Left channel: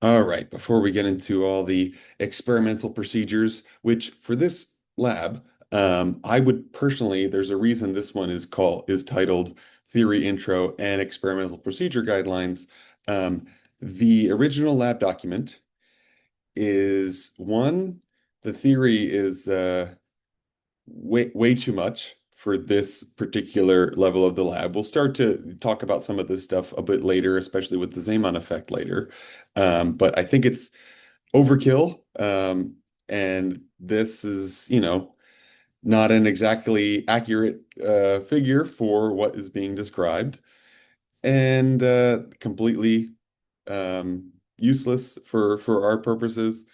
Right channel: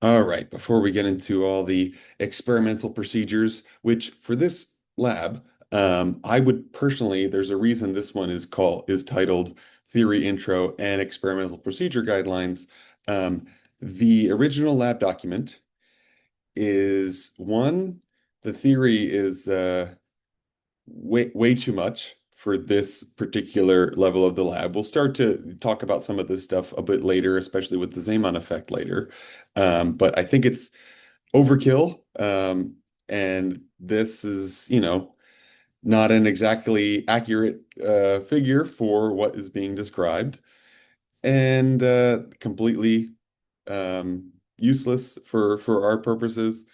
All right, before we get into all the experimental procedures, which for this lab, I would personally, there's a reason this one is titled Theory Intro and Experimental Procedure Guidelines. Um, the original lab document is one, the theory is way too much for this particular level of the lab. We'll start to talk about some of this stuff a bit later, especially with the Zeeman effect later. But I think it's overkill. And this is, not an exactly accurate figure for what is being described, and completely useless for our purposes.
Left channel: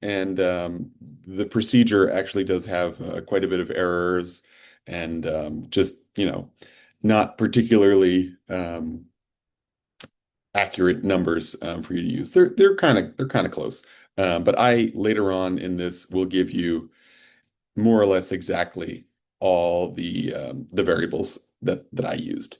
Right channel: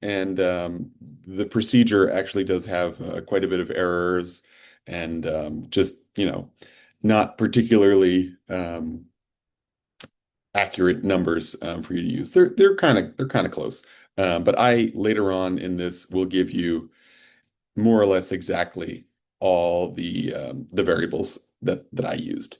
And the procedure actually does have quite a bit of errors and just, not particularly accurate numbers for you to use. They're kind of close. But I later on in this will give you more or less exactly all the variables that I used.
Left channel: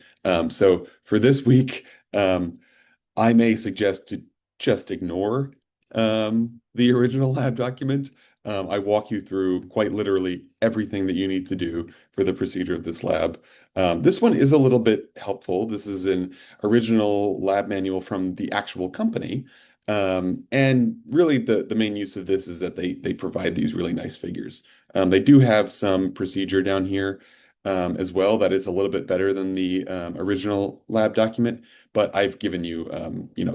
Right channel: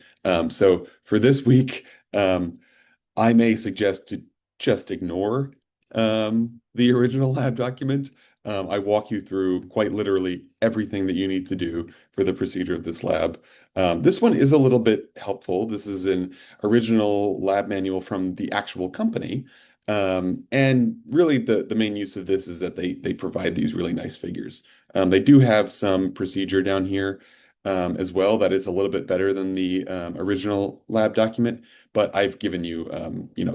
So for this week, I may suggest to just ignore the original lab document. I walk you through quite literally everything that you need to do for the procedure of this lab. This one is a little bit helpful. This is an original lab manual from the actual company. And really the main use of this is that they provide these really nice figures. They do have some procedure down here as well that is a little bit better than the original lab document, but I've given you,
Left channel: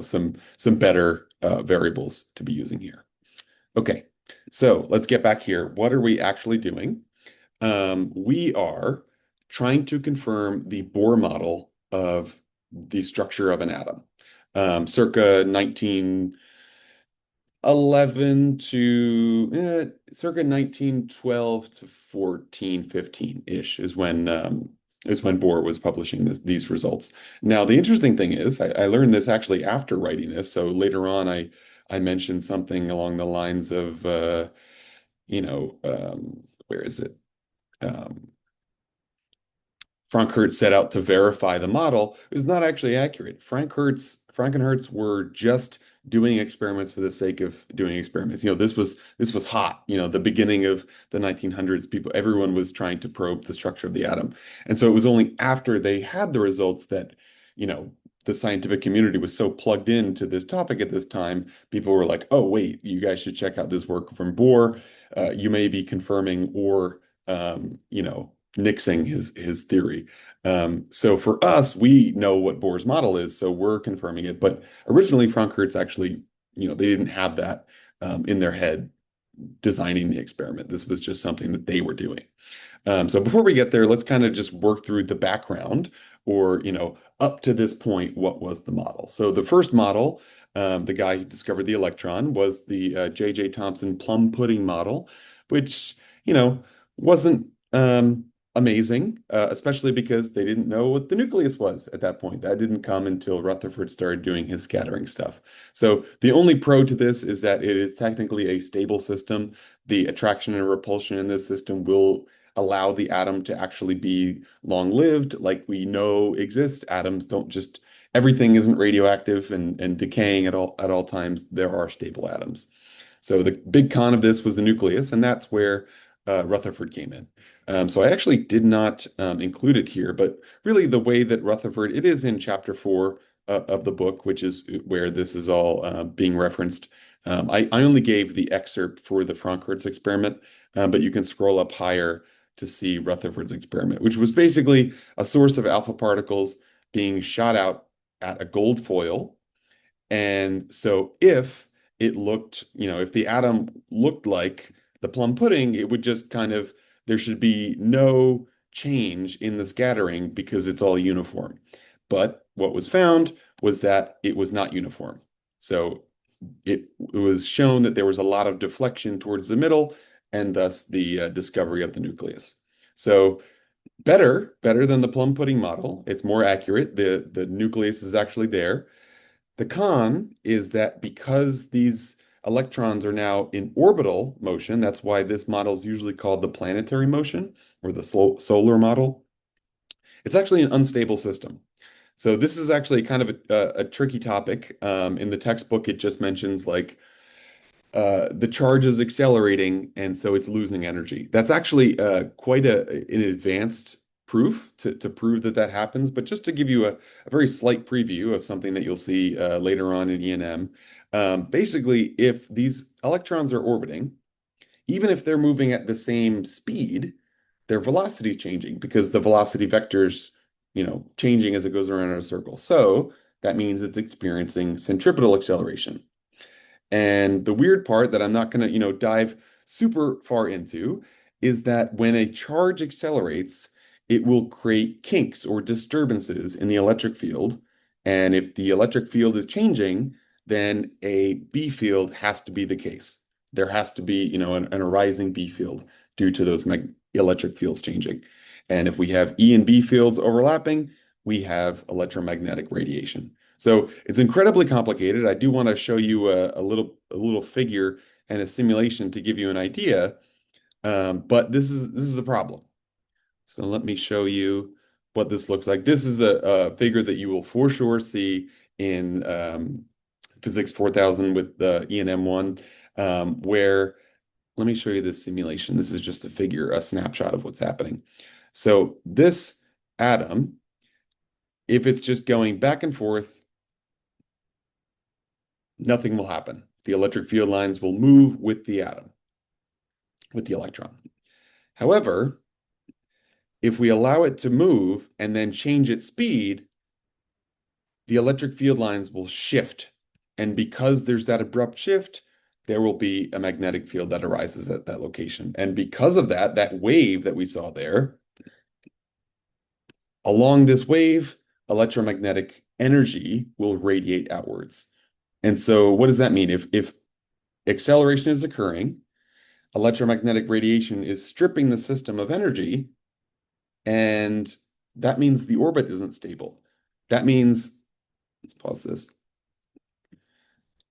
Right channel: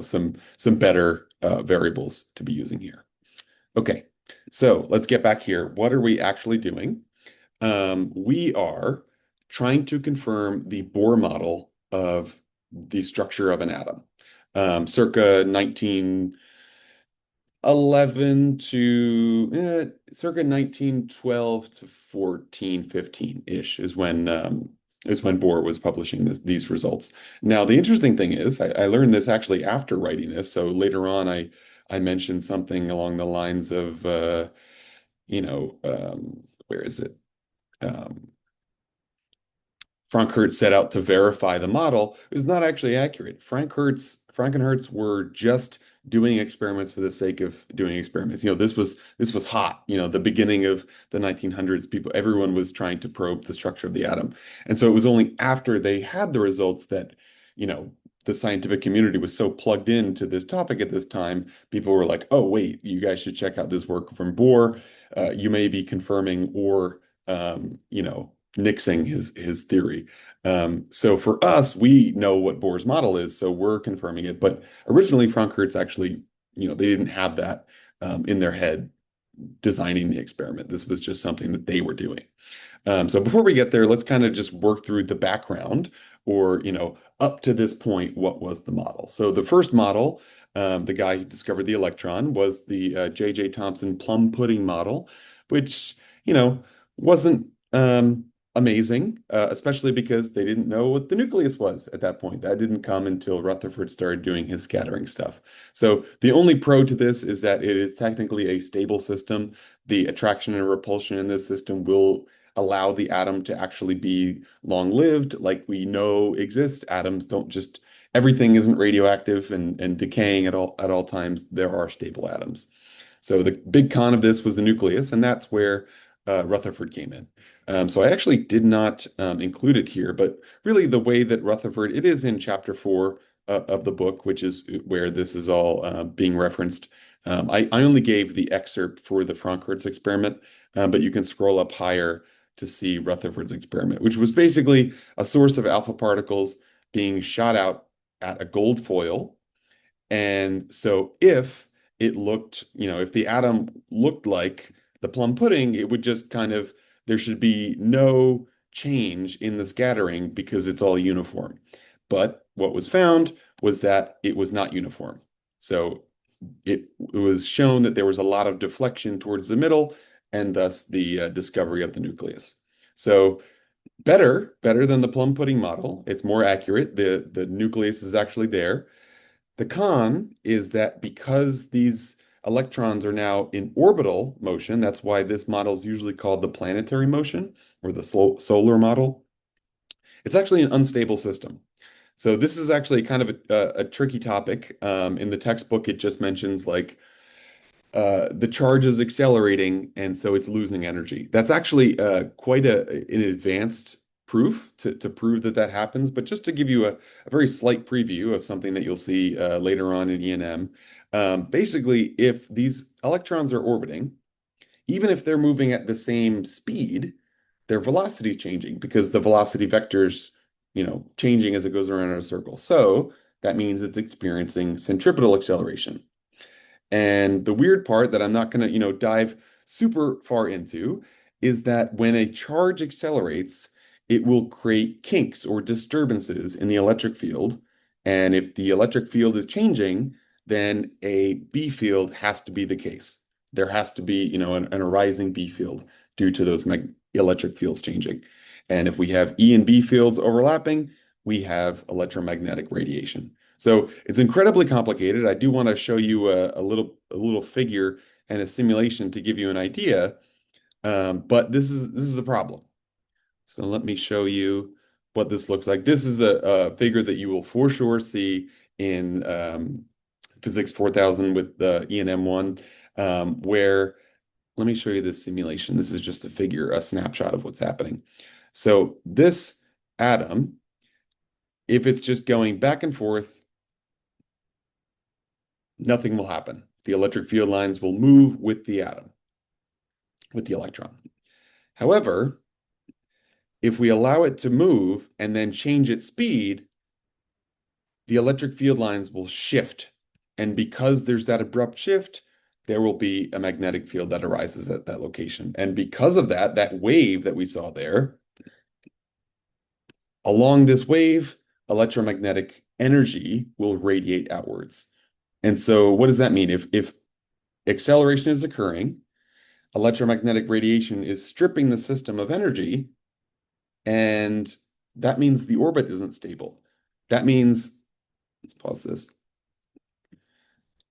some better variables to be using here. Okay, so let's get back here. What are we actually doing? We are trying to confirm the Bohr model of the structure of an atom, circa 1912 to 1415-ish is when Bohr was publishing these results. Now, the interesting thing is, I learned this actually after writing this. So later on, I mentioned something along the lines of, where is it? Um, Franck-Hertz set out to verify the model is not actually accurate. Frank and Hertz were just doing experiments for the sake of doing experiments. This was hot. The beginning of the 1900s, everyone was trying to probe the structure of the atom. And so it was only after they had the results that, you know, the scientific community was so plugged into this topic at this time, people were like, "Oh, wait, you guys should check out this work from Bohr. You may be confirming or nixing his theory." So for us, we know what Bohr's model is, so we're confirming it. But originally, Frank-Hertz actually, they didn't have that in their head designing the experiment. This was just something that they were doing. So before we get there, let's kind of just work through the background, or, up to this point, what was the model? So the first model, the guy who discovered the electron, was the J.J. Thomson plum pudding model, which, wasn't amazing, especially because they didn't know what the nucleus was at that point. That didn't come until Rutherford started doing his scattering stuff. So the only pro to this is that it is technically a stable system. The attraction and repulsion in this system will allow the atom to actually be long-lived, like we know exists. Atoms don't just, everything isn't radioactive and decaying at all times. There are stable atoms. So the big con of this was the nucleus, and that's where Rutherford came in. So I actually did not include it here, but really the way that Rutherford, it is in chapter 4 of the book, which is where this is all being referenced. I only gave the excerpt for the Frank-Hertz experiment, but you can scroll up higher to see Rutherford's experiment, which was basically a source of alpha particles being shot out at a gold foil. And so if the atom looked like the plum pudding, it would just kind of, there should be no change in the scattering because it's all uniform. But what was found was that it was not uniform. So it was shown that there was a lot of deflection towards the middle, and thus the discovery of the nucleus. So better than the plum pudding model. It's more accurate. The nucleus is actually there. The con is that because these electrons are now in orbital motion, that's why this model is usually called the planetary motion or the solar model. It's actually an unstable system. So this is actually kind of a tricky topic. In the textbook, it just mentions like the charge is accelerating, and so it's losing energy. That's actually quite an advanced proof to prove that that happens. But just to give you a very slight preview of something that you'll see later on in E&M, basically, if these electrons are orbiting, even if they're moving at the same speed, their velocity is changing because the velocity vector's, changing as it goes around in a circle. So that means it's experiencing centripetal acceleration. And the weird part that I'm not going to, dive super far into is that when a charge accelerates, it will create kinks or disturbances in the electric field. And if the electric field is changing, then a B field has to be the case. There has to be, an arising B field due to those mag electric fields changing. And if we have E and B fields overlapping, we have electromagnetic radiation. So it's incredibly complicated. I do want to show you a little figure and a simulation to give you an idea. But this is a problem. So let me show you what this looks like. This is a figure that you will for sure see in Physics 4000 with the ENM1, where let me show you this simulation. This is just a figure, a snapshot of what's happening. So this atom, if it's just going back and forth, nothing will happen. The electric field lines will move with the atom, with the electron. However, if we allow it to move and then change its speed, the electric field lines will shift. And because there's that abrupt shift, there will be a magnetic field that arises at that location. And because of that, that wave that we saw there, along this wave, electromagnetic energy will radiate outwards. And so what does that mean? If acceleration is occurring, electromagnetic radiation is stripping the system of energy, and that means the orbit isn't stable. That means, let's pause this.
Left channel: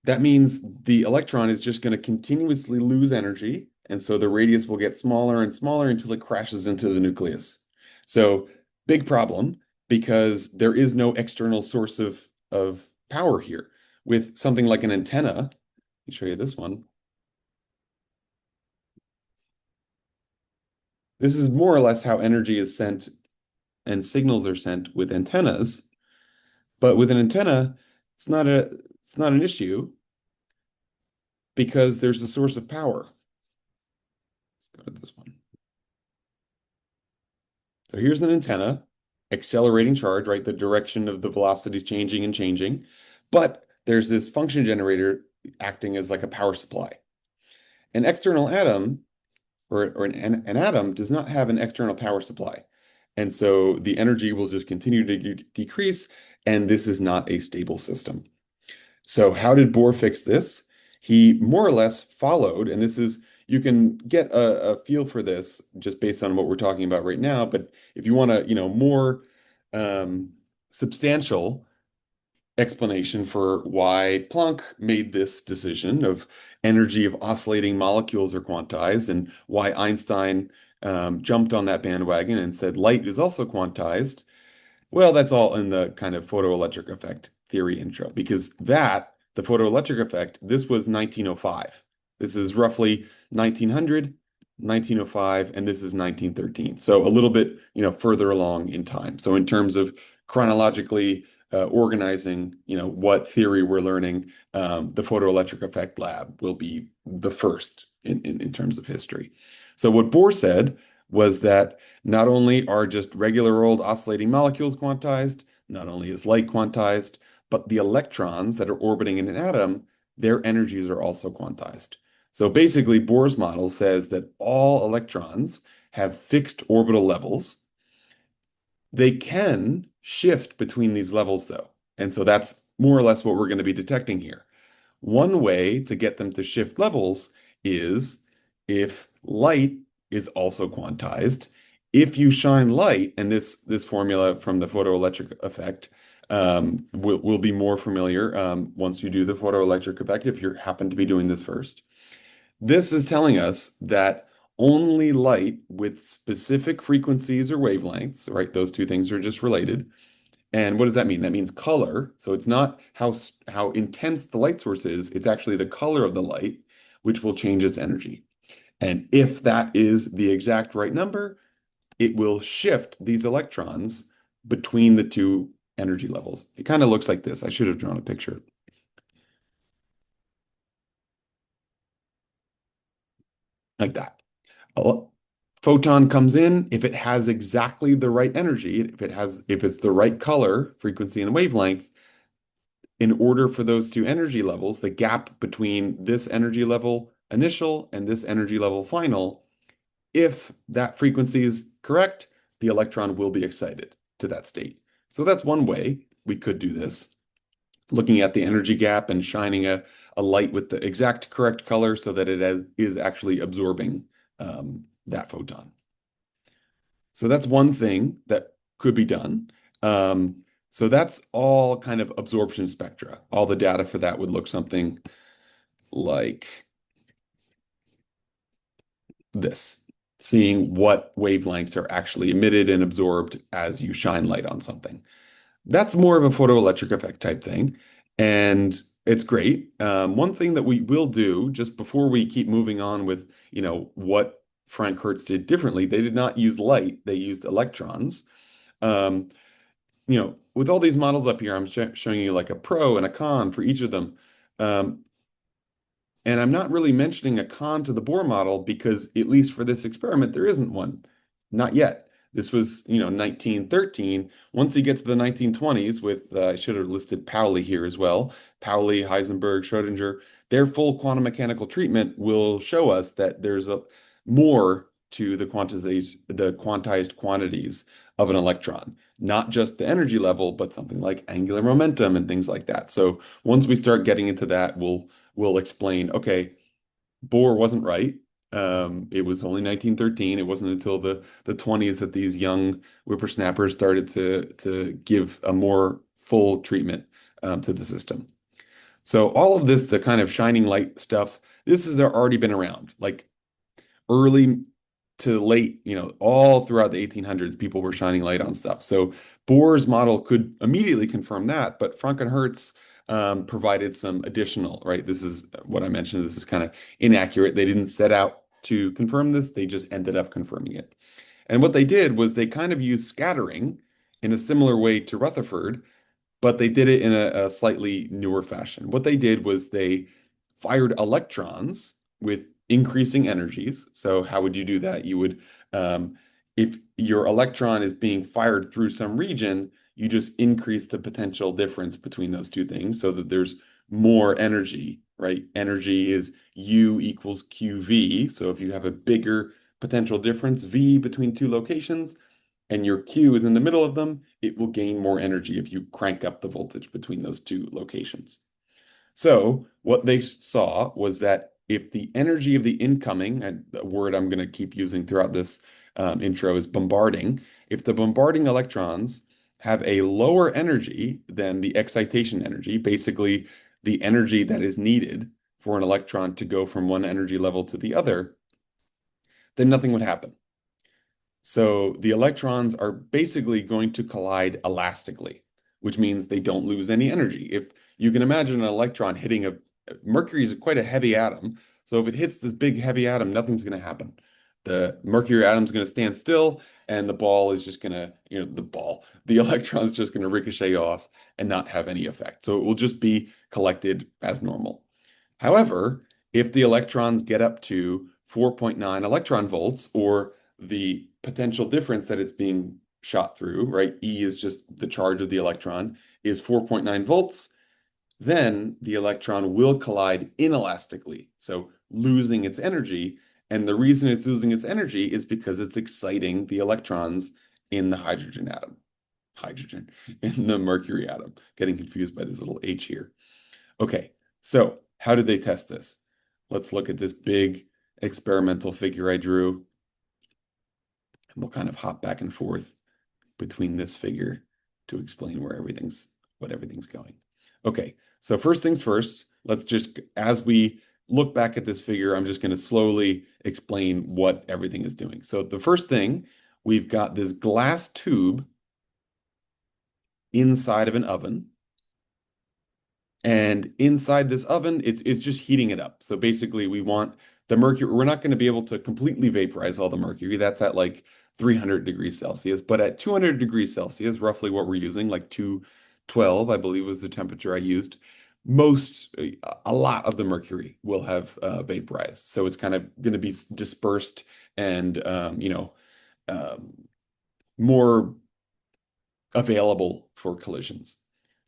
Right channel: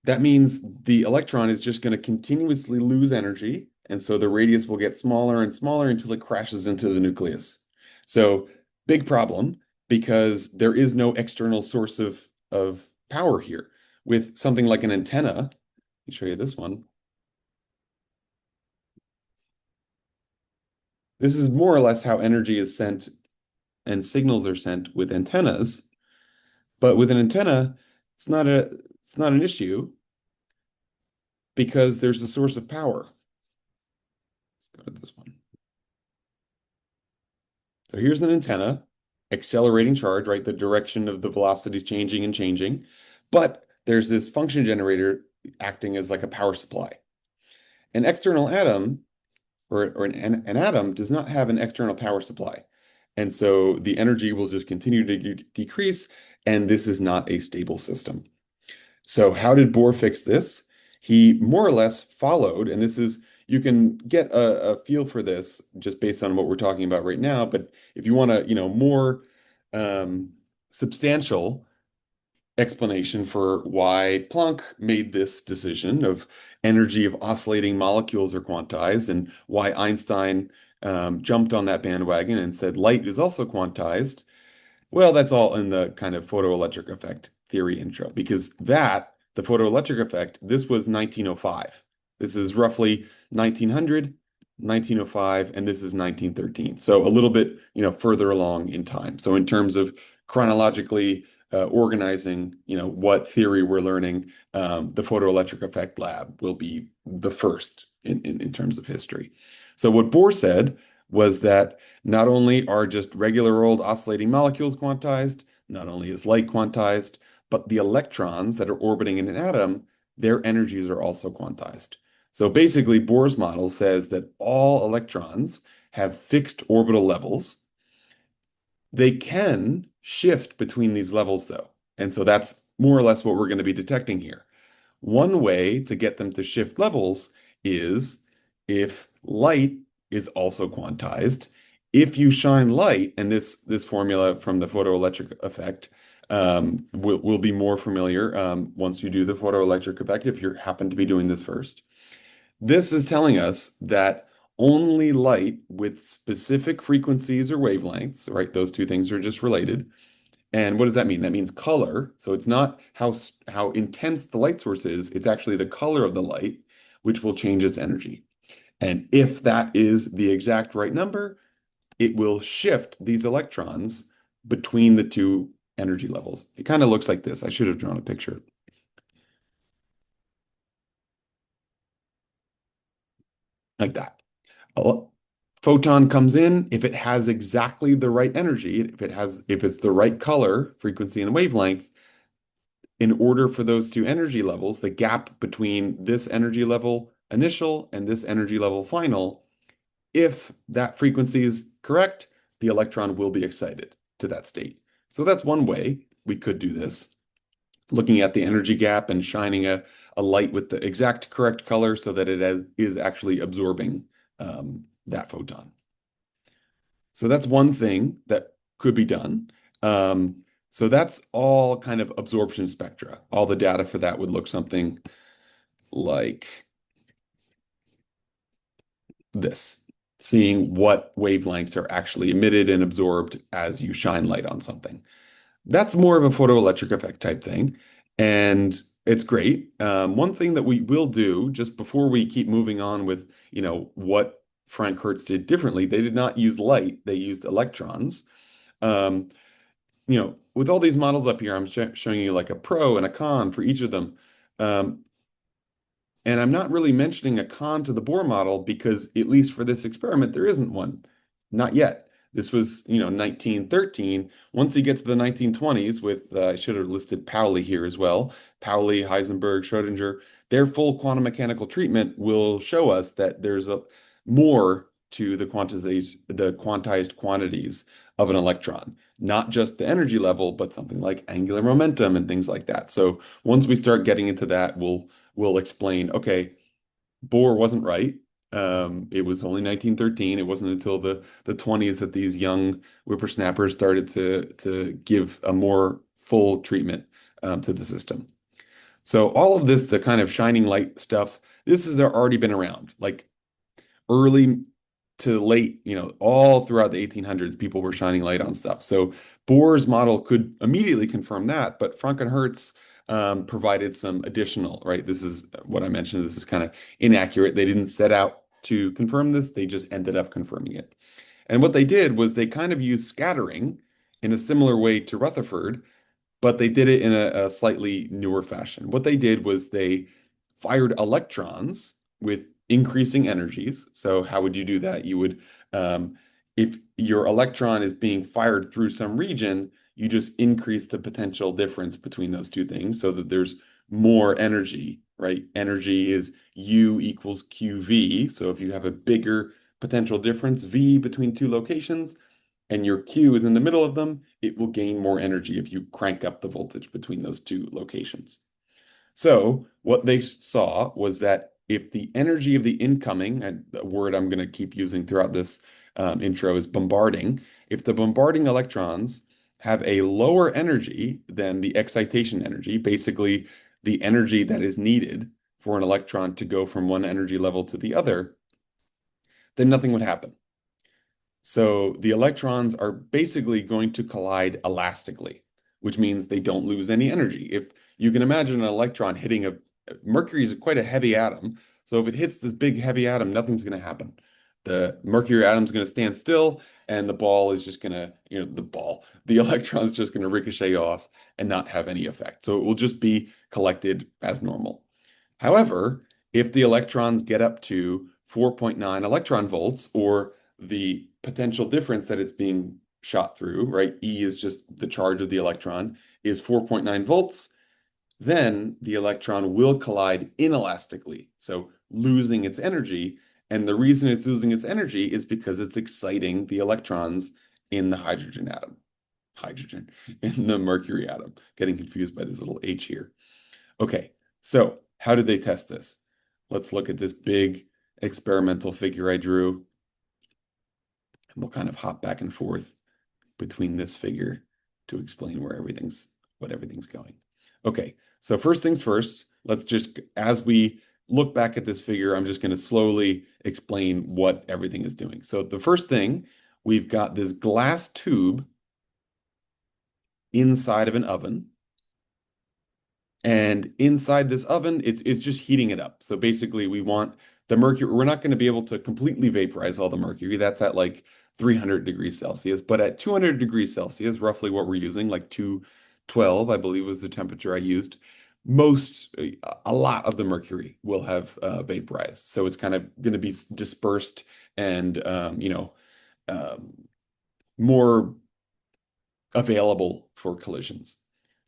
That means the electron is just going to continuously lose energy, and so the radius will get smaller and smaller until it crashes into the nucleus. So big problem because there is no external source of power here. With something like an antenna, let me show you this one. This is more or less how energy is sent and signals are sent with antennas. But with an antenna, it's not an issue because there's a source of power. Let's go to this one. So here's an antenna, accelerating charge, right? The direction of the velocity is changing and changing. But there's this function generator acting as like a power supply. An external atom or an atom does not have an external power supply. And so the energy will just continue to decrease, and this is not a stable system. So how did Bohr fix this? He more or less followed, and this is, you can get a feel for this just based on what we're talking about right now, but if you want to, more substantial explanation for why Planck made this decision of energy of oscillating molecules are quantized and why Einstein jumped on that bandwagon and said light is also quantized. Well, that's all in the kind of photoelectric effect theory intro, because the photoelectric effect, this was 1905. This is roughly 1900, 1905, and this is 1913. So a little bit, further along in time. So in terms of chronologically organizing, what theory we're learning, the photoelectric effect lab will be the first in terms of history. So what Bohr said was that not only are just regular old oscillating molecules quantized, not only is light quantized, but the electrons that are orbiting in an atom, their energies are also quantized. So basically, Bohr's model says that all electrons have fixed orbital levels. They can shift between these levels, though. And so that's more or less what we're going to be detecting here. One way to get them to shift levels is if light is also quantized. If you shine light, and this formula from the photoelectric effect will be more familiar once you do the photoelectric effect, if you happen to be doing this first. This is telling us that only light with specific frequencies or wavelengths, right? Those two things are just related, And what does that mean? That means color. So it's not how intense the light source is, it's actually the color of the light, which will change its energy. And if that is the exact right number, it will shift these electrons between the two energy levels. It kind of looks like this. I should have drawn a picture like that. A photon comes in, if it has exactly the right energy, if it's the right color, frequency, and wavelength, in order for those two energy levels, the gap between this energy level initial and this energy level final, if that frequency is correct, the electron will be excited to that state. So that's one way we could do this, looking at the energy gap and shining a light with the exact correct color so that is actually absorbing that photon. So that's one thing that could be done. So that's all kind of absorption spectra. All the data for that would look something like this, seeing what wavelengths are actually emitted and absorbed as you shine light on something. That's more of a photoelectric effect type thing, and it's great. One thing that we will do just before we keep moving on with, what Franck-Hertz did differently, they did not use light, they used electrons. Um, with all these models up here, I'm showing you like a pro and a con for each of them. Um, and I'm not really mentioning a con to the Bohr model because, at least for this experiment, there isn't one. Not yet. This was, 1913. Once you get to the 1920s with, I should have listed Pauli here as well. Pauli, Heisenberg, Schrödinger, their full quantum mechanical treatment will show us that there's a more to the quantized quantities of an electron, not just the energy level, but something like angular momentum and things like that. So once we start getting into that, we'll explain, okay, Bohr wasn't right. It was only 1913. It wasn't until the 20s that these young whippersnappers started to give a more full treatment to the system. So all of this, the kind of shining light stuff, this has already been around. Like early to late, all throughout the 1800s, people were shining light on stuff. So Bohr's model could immediately confirm that, but Franck-Hertz provided some additional, right? This is what I mentioned. This is kind of inaccurate. They didn't set out to confirm this. They just ended up confirming it. And what they did was they kind of used scattering in a similar way to Rutherford, but they did it in a slightly newer fashion. What they did was they fired electrons with increasing energies. So how would you do that? You would, if your electron is being fired through some region, you just increase the potential difference between those two things so that there's more energy, right? Energy is U equals QV. So if you have a bigger potential difference, V, between two locations, and your Q is in the middle of them, it will gain more energy if you crank up the voltage between those two locations. So what they saw was that if the energy of the incoming, and the word I'm going to keep using throughout this intro is bombarding, if the bombarding electrons have a lower energy than the excitation energy, basically the energy that is needed for an electron to go from one energy level to the other, then nothing would happen. So the electrons are basically going to collide elastically, which means they don't lose any energy. If you can imagine an electron hitting mercury is quite a heavy atom. So if it hits this big heavy atom, nothing's going to happen. The mercury atom is going to stand still, and the ball is just going to, the electron is just going to ricochet off and not have any effect. So it will just be collected as normal. However, if the electrons get up to 4.9 electron volts, or the potential difference that it's being shot through, right? E is just the charge of the electron, is 4.9 volts, then the electron will collide inelastically, so losing its energy. And the reason it's losing its energy is because it's exciting the electrons in the hydrogen, in the mercury atom. Getting confused by this little H here. Okay, so how did they test this? Let's look at this big experimental figure I drew. And we'll kind of hop back and forth between this figure to explain what everything's going. Okay, so first things first, let's just, as we look back at this figure, I'm just going to slowly explain what everything is doing. So the first thing, we've got this glass tube inside of an oven. And inside this oven, it's just heating it up. So basically, we want the mercury. We're not going to be able to completely vaporize all the mercury. That's at like 300 degrees Celsius. But at 200 degrees Celsius, roughly what we're using, like 212, I believe was the temperature I used, a lot of the mercury will have vaporized. So it's kind of going to be dispersed and, um, more available for collisions.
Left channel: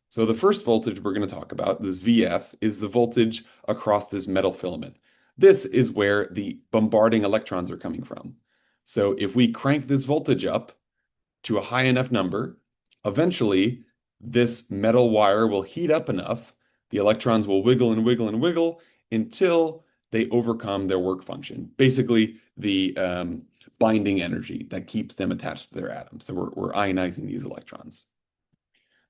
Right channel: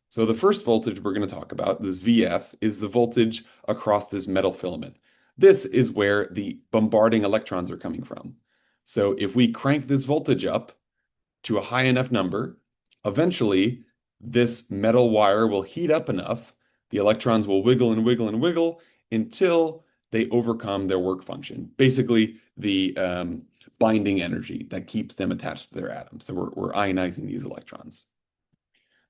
So the first voltage we're going to talk about, this VF, is the voltage across this metal filament. This is where the bombarding electrons are coming from. So if we crank this voltage up to a high enough number, eventually this metal wire will heat up enough, the electrons will wiggle and wiggle and wiggle until they overcome their work function. Basically, the binding energy that keeps them attached to their atoms. So we're ionizing these electrons.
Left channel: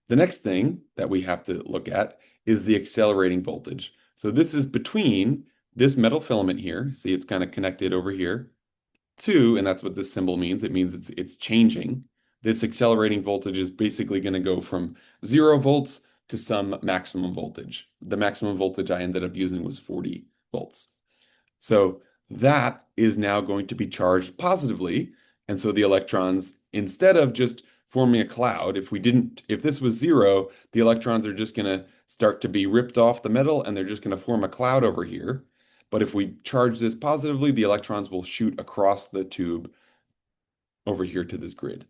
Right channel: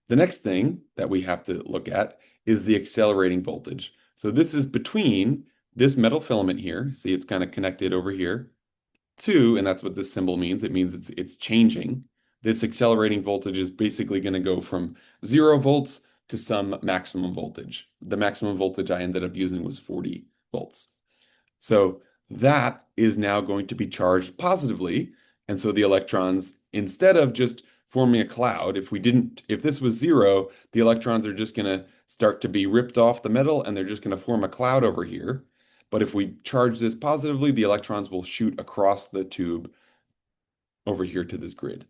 The next thing that we have to look at is the accelerating voltage. So this is between this metal filament here. See, it's kind of connected over here to, and that's what this symbol means. It means it's changing. This accelerating voltage is basically going to go from 0 volts to some maximum voltage. The maximum voltage I ended up using was 40 volts. So that is now going to be charged positively. And so the electrons, instead of just forming a cloud, if this was 0, the electrons are just going to start to be ripped off the metal and they're just going to form a cloud over here. But if we charge this positively, the electrons will shoot across the tube over here to this grid.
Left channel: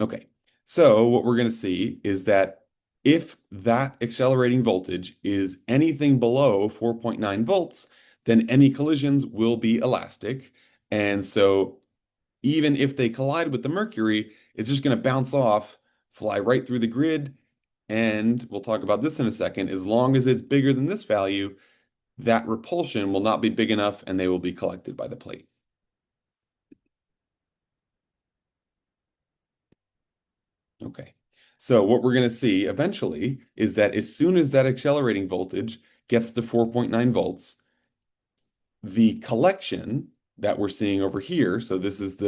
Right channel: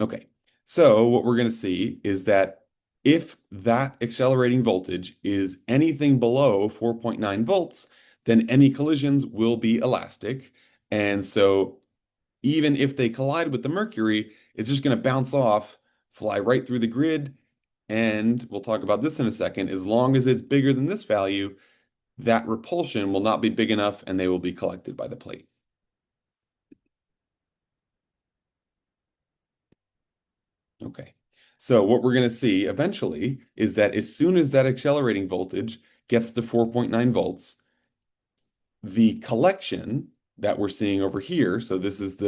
Okay, so what we're going to see is that if that accelerating voltage is anything below 4.9 volts, then any collisions will be elastic. And so even if they collide with the mercury, it's just going to bounce off, fly right through the grid. And we'll talk about this in a second. As long as it's bigger than this value, that repulsion will not be big enough and they will be collected by the plate. Okay. So what we're going to see eventually is that as soon as that accelerating voltage gets to 4.9 volts, the collection that we're seeing over here, so this is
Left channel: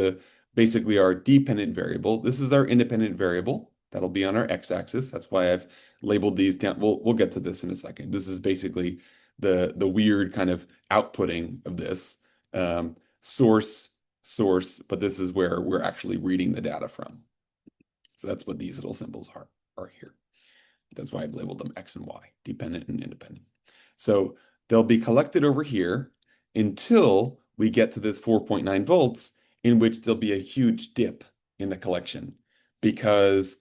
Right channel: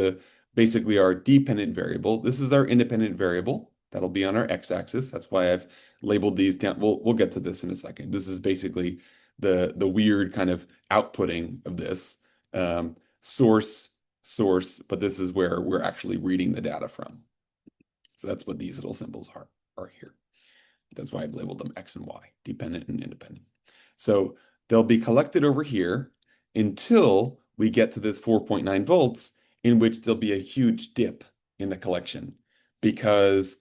basically our dependent variable. This is our independent variable. That'll be on our x-axis. That's why I've labeled these down. We'll get to this in a second. This is basically the weird kind of outputting of this source, but this is where we're actually reading the data from. So that's what these little symbols are here. That's why I've labeled them X and Y, dependent and independent. So they'll be collected over here until we get to this 4.9 volts, in which there'll be a huge dip in the collection. Because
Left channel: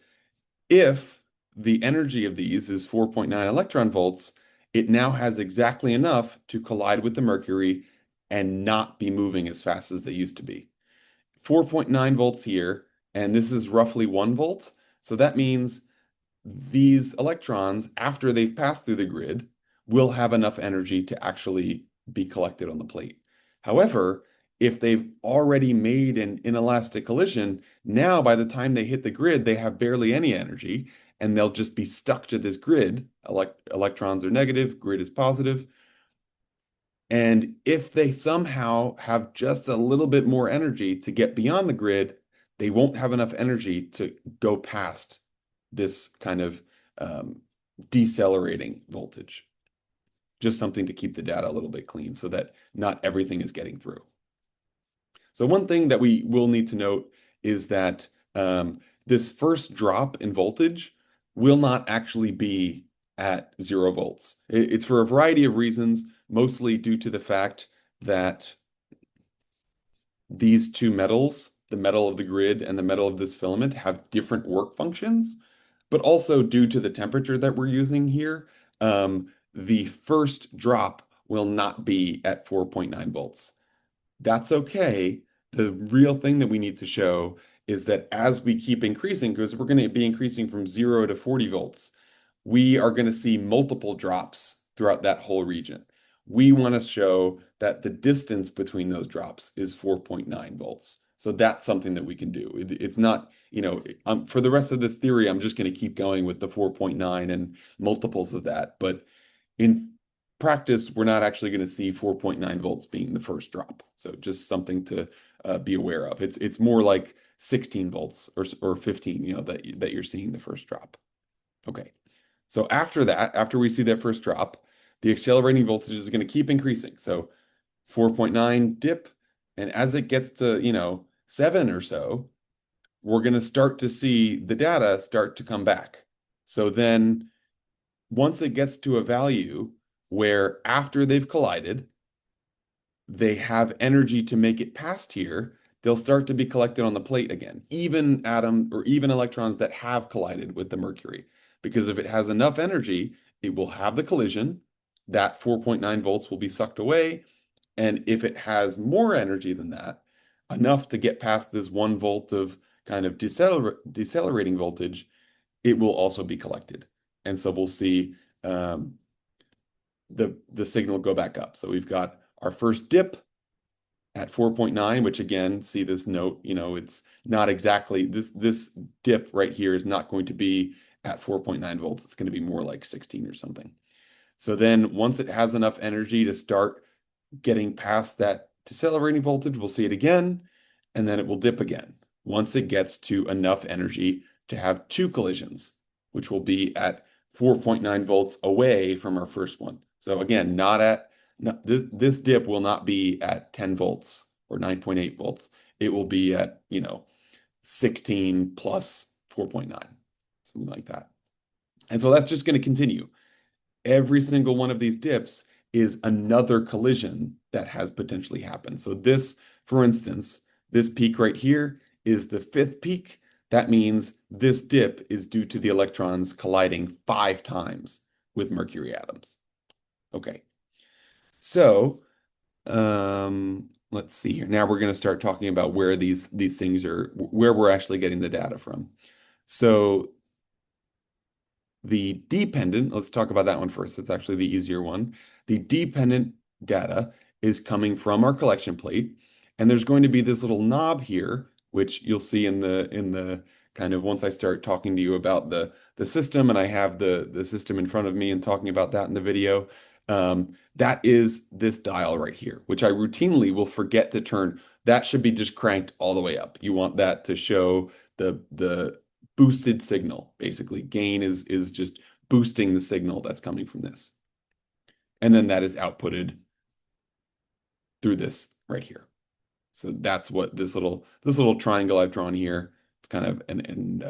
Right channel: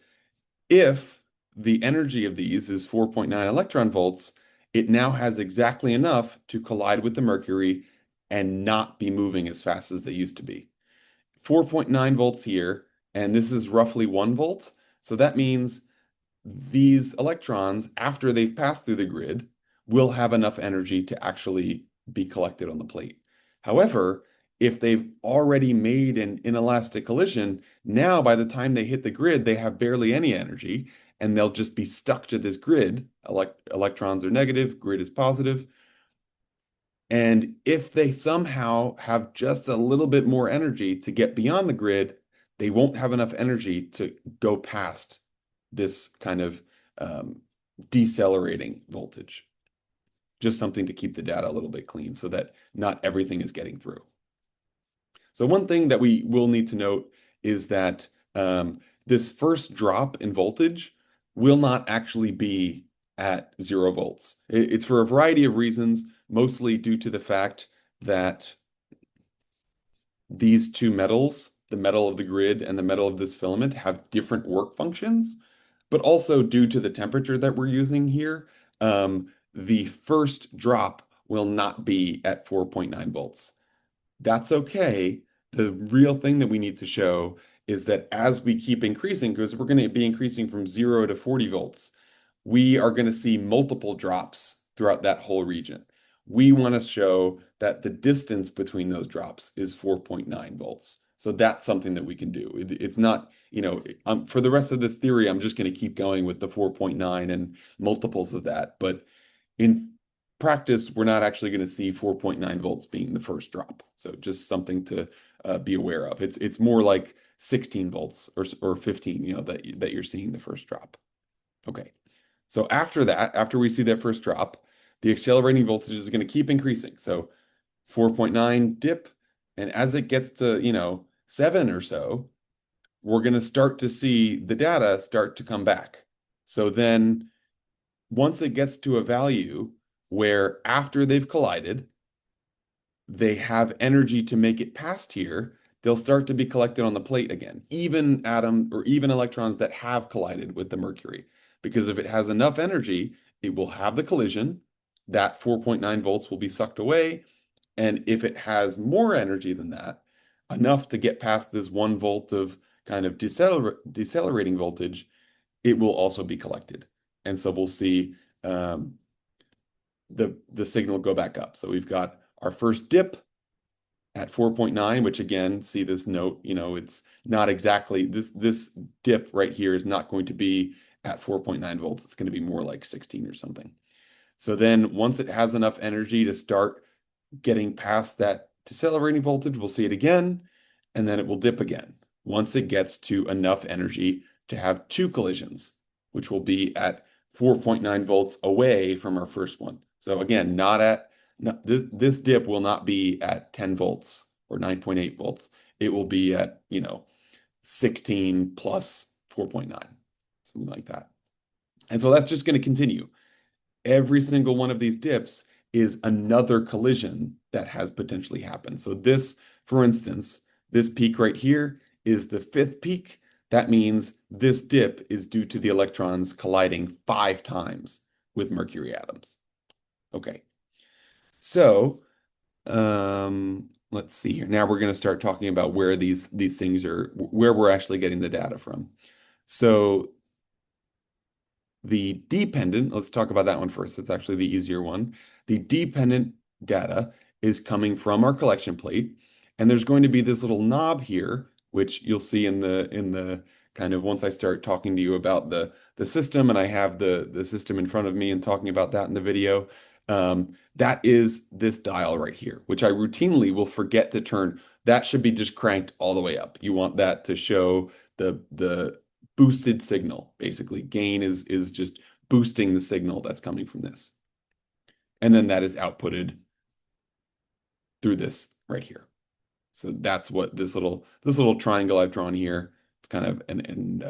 if the energy of these is 4.9 electron volts, it now has exactly enough to collide with the mercury and not be moving as fast as they used to be. 4.9 volts here, and this is roughly 1 volt. So that means these electrons, after they've passed through the grid, will have enough energy to actually be collected on the plate. However, if they've already made an inelastic collision, now by the time they hit the grid, they have barely any energy, and they'll just be stuck to this grid. Electrons are negative, grid is positive. And if they somehow have just a little bit more energy to get beyond the grid, they won't have enough energy to go past this kind of decelerating voltage. Just something to keep the data a little bit clean so that not everything is getting through. So one thing that we will need to note is that this first drop in voltage will not actually be at 0 volts. It's for a variety of reasons, mostly due to the fact that these two metals, the metal of the grid and the metal of this filament, have different work functions, but also due to the temperature that we're using here, the first drop will not be at 4.9 volts. That's okay. The real thing that we need to show is that as we keep increasing, because we're going to be increasing from 0 to 40 volts, we are going to see multiple drops throughout that whole region. We want to show that the distance between those drops is 4.9 volts. So that's something that we can do. It's not, for the rest of this theory, I'm just going to keep going with the 4.9 and multiples of that. But in practice, we're not actually going to see 4.9 volts being the first drop. So just something to be aware of. It's more like 16 volts or 15, that you're seeing the first drop. Okay. So after that, after we see that first drop, the accelerating voltage is going to keep increasing. So 4.9 dip, and as it gets to, 7 or so, we're going to start to see the data start to come back. So then once it gets to a value where after they've collided, they have energy to make it past here, they'll start to be collected on the plate again, even atom or even electrons that have collided with the mercury. Because if it has enough energy, it will have the collision. That 4.9 volts will be sucked away. And if it has more energy than that, enough to get past this 1 volt of kind of decelerating voltage, it will also be collected. And so we'll see the signal go back up. So we've got our first dip at 4.9, which again, see this note, it's not exactly this dip right here is not going to be at 4.9 volts. It's going to be more like 16 or something. So then once it has enough energy to start getting past that decelerating voltage, we'll see it again, and then it will dip again. Once it gets to enough energy to have two collisions, which will be at 4.9 volts away from our first one. So again, this dip will not be at 10 volts or 9.8 volts. It will be at, 16 plus 4.9, something like that. And so that's just going to continue. Every single one of these dips is another collision that has potentially happened. So this, for instance, this peak right here is the fifth peak. That means this dip is due to the electrons colliding 5 times with mercury atoms. Okay, so let's see here. Now we're going to start talking about where these things are, where we're actually getting the data from. So the dependent, let's talk about that one first. That's actually the easier one. The dependent data is coming from our collection plate, and there's going to be this little knob here, which you'll see in the kind of once I start talking to you about the system, and I have the system in front of me and talking about that in the video. That is this dial right here, which I routinely will forget to turn. That should be just cranked all the way up. You want that to show the boosted signal. Basically, gain is just boosting the signal that's coming from this. And then that is outputted through this right here. So that's what this little triangle I've drawn here, it's kind of an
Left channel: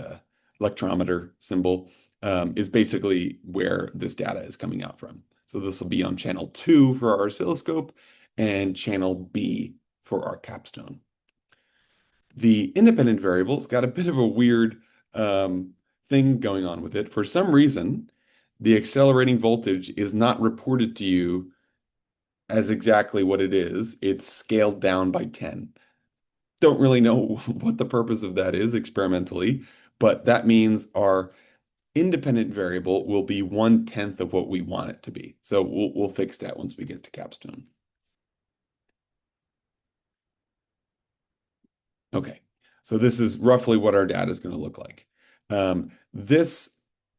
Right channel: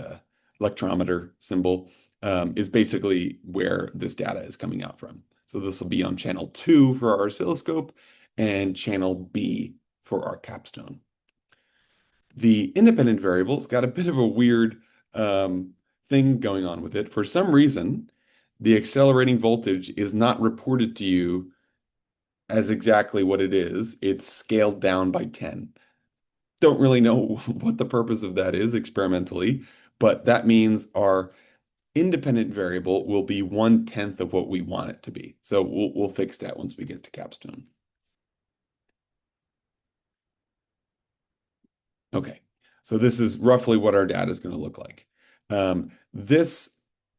electrometer symbol, is basically where this data is coming out from. So this will be on channel 2 for our oscilloscope and channel B for our capstone. The independent variable's got a bit of a weird thing going on with it. For some reason, the accelerating voltage is not reported to you as exactly what it is. It's scaled down by 10. Don't really know what the purpose of that is experimentally, but that means our independent variable will be 1/10 of what we want it to be. So we'll fix that once we get to capstone. Okay, so this is roughly what our data is going to look like. This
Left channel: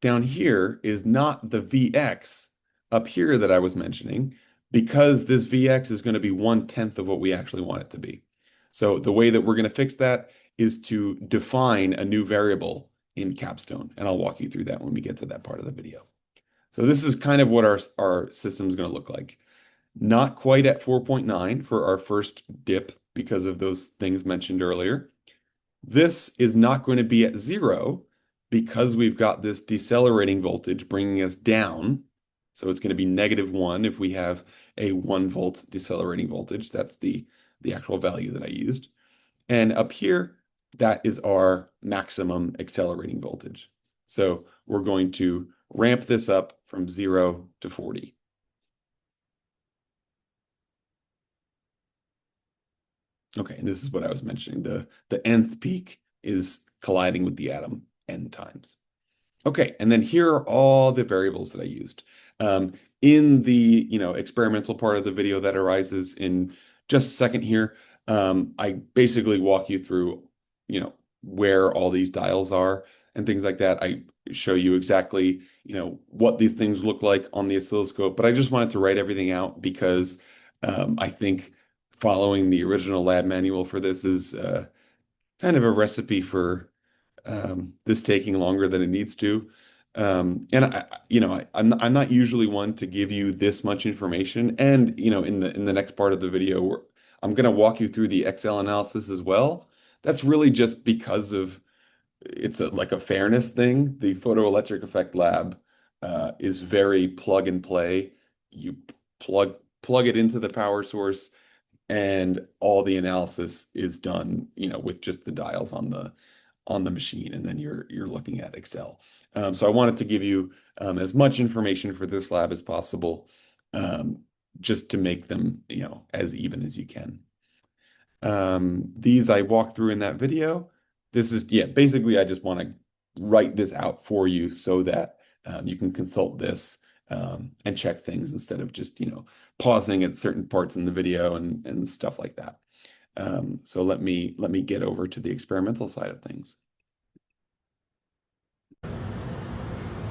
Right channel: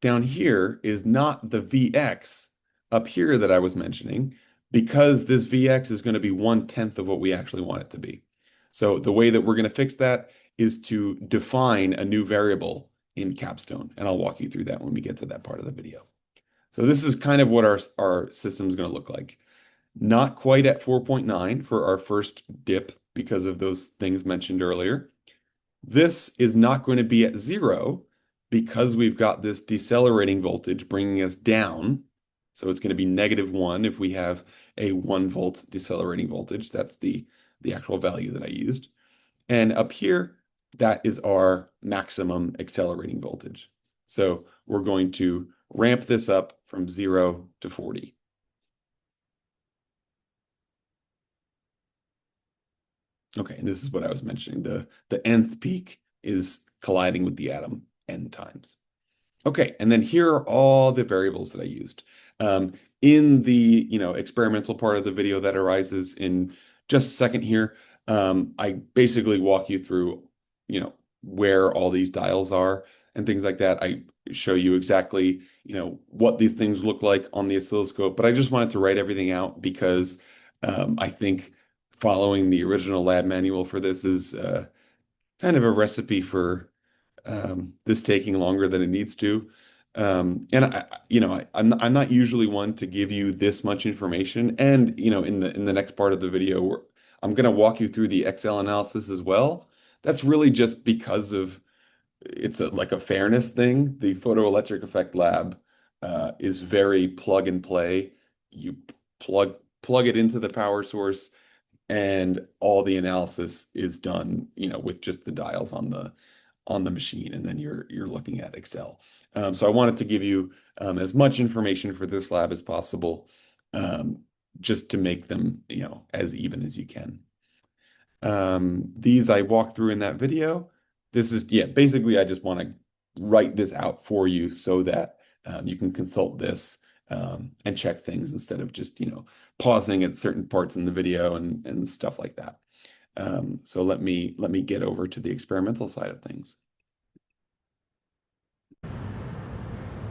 down here is not the Vx up here that I was mentioning, because this Vx is going to be 1/10 of what we actually want it to be. So the way that we're going to fix that is to define a new variable in capstone, and I'll walk you through that when we get to that part of the video. So this is kind of what our system is going to look like. Not quite at 4.9 for our first dip because of those things mentioned earlier. This is not going to be at 0 because we've got this decelerating voltage bringing us down. So it's going to be -1 if we have a 1 volt decelerating voltage. That's the actual value that I used. And up here, that is our maximum accelerating voltage. So we're going to ramp this up from 0 to 40. Okay, and this is what I was mentioning. The nth peak is colliding with the atom n times. Okay, and then here are all the variables that I used. In the experimental part of the video that arises in just a second here, I basically walk you through where all these dials are and things like that. show you exactly, what these things look like on the oscilloscope, but I just wanted to write everything out because I think following the original lab manual for this is kind of a recipe for this taking longer than it needs to. And I'm not usually one to give you this much information. And in the next part of the video, I'm going to walk you through the Excel analysis as well. That's really just because of it's like a fairness thing. The photoelectric effect lab is very plug and play. You plug it into the power source, and all the analysis is done, with just the dials on the machine, and then you're looking at Excel. So I wanted to give you as much information for this lab as possible, just to make them, as even as you can. These I walked through in that video. This is, basically I just want to write this out for you so that you can consult this and check things instead of just, pausing at certain parts in the video and stuff like that. So let me get over to the experimental side of things.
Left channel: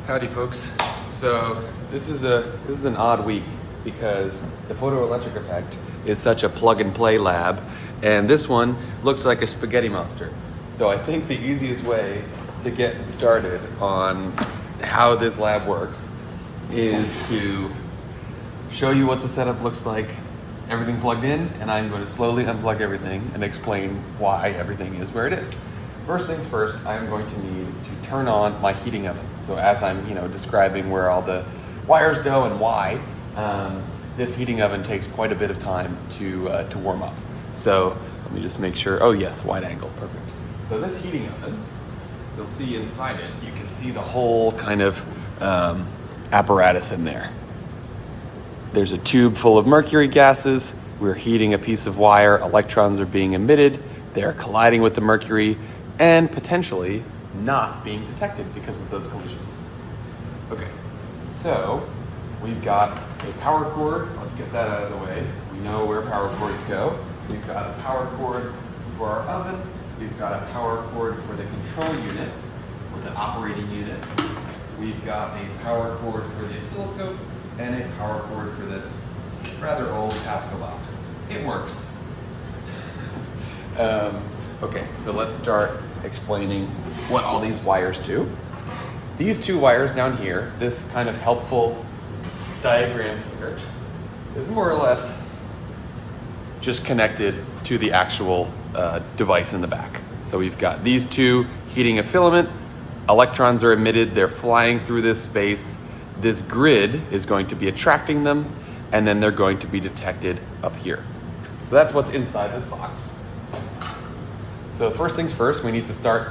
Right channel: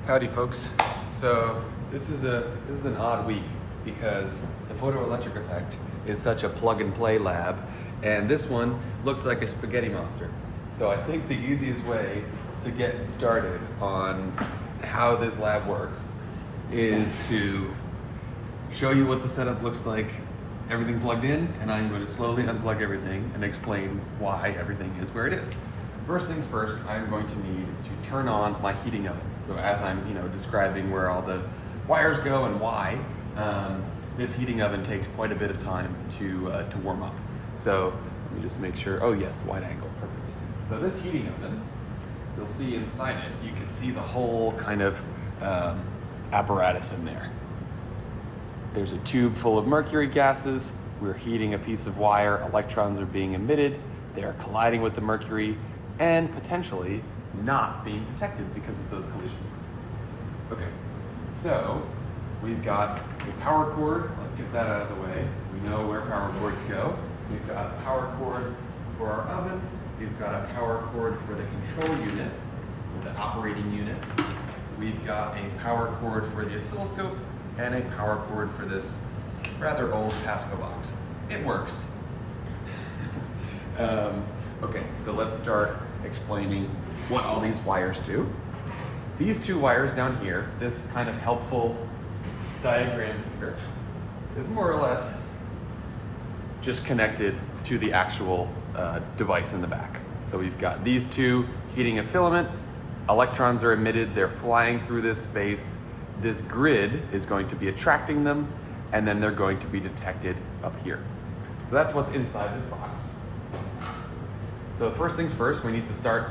Howdy, folks. So this is an odd week because the photoelectric effect is such a plug and play lab, and this one looks like a spaghetti monster. So I think the easiest way to get started on how this lab works is to show you what the setup looks like, everything plugged in, and I'm going to slowly unplug everything and explain why everything is where it is. First things first, I'm going to need to turn on my heating oven. So as I'm describing where all the wires go and why, this heating oven takes quite a bit of time to warm up. So let me just make sure, oh yes, wide angle, perfect. So this heating oven, you'll see inside it, you can see the whole kind of apparatus in there. There's a tube full of mercury gases. We're heating a piece of wire. Electrons are being emitted. They're colliding with the mercury and potentially not being detected because of those collisions. Okay, so we've got a power cord. Let's get that out of the way. We know where power cords go. We've got a power cord for our oven. We've got a power cord for the control unit, or the operating unit. We've got a power cord for the oscilloscope and a power cord for this rather old Pasco box. It works. Okay, so let's start explaining what all these wires do. These two wires down here, this kind of helpful diagram here, is more or less just connected to the actual device in the back. So we've got these two heating a filament, electrons are emitted, they're flying through this space, this grid is going to be attracting them, and then they're going to be detected up here. So that's what's inside this box. So first things first, we need to start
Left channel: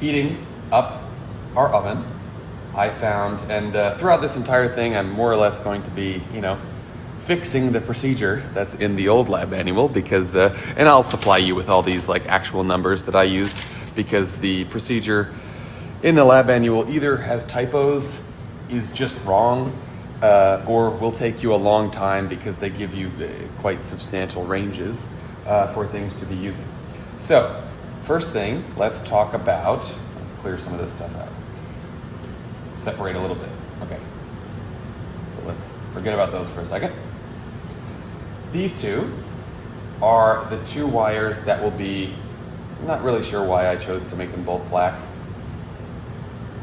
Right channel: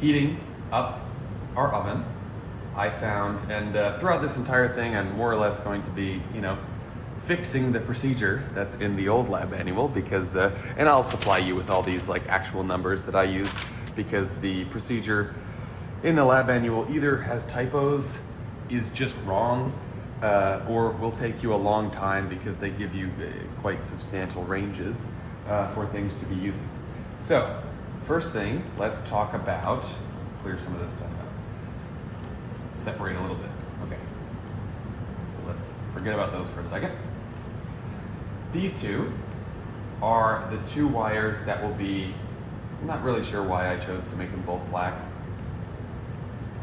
heating up our oven. I found, and throughout this entire thing, I'm more or less going to be, fixing the procedure that's in the old lab manual because, and I'll supply you with all these like actual numbers that I used because the procedure in the lab manual either has typos, is just wrong, or will take you a long time because they give you quite substantial ranges for things to be using. So, first thing, let's talk about, let's clear some of this stuff out. Let's separate a little bit. Okay. So let's forget about those for a second. These two are the two wires that will be, I'm not really sure why I chose to make them both black.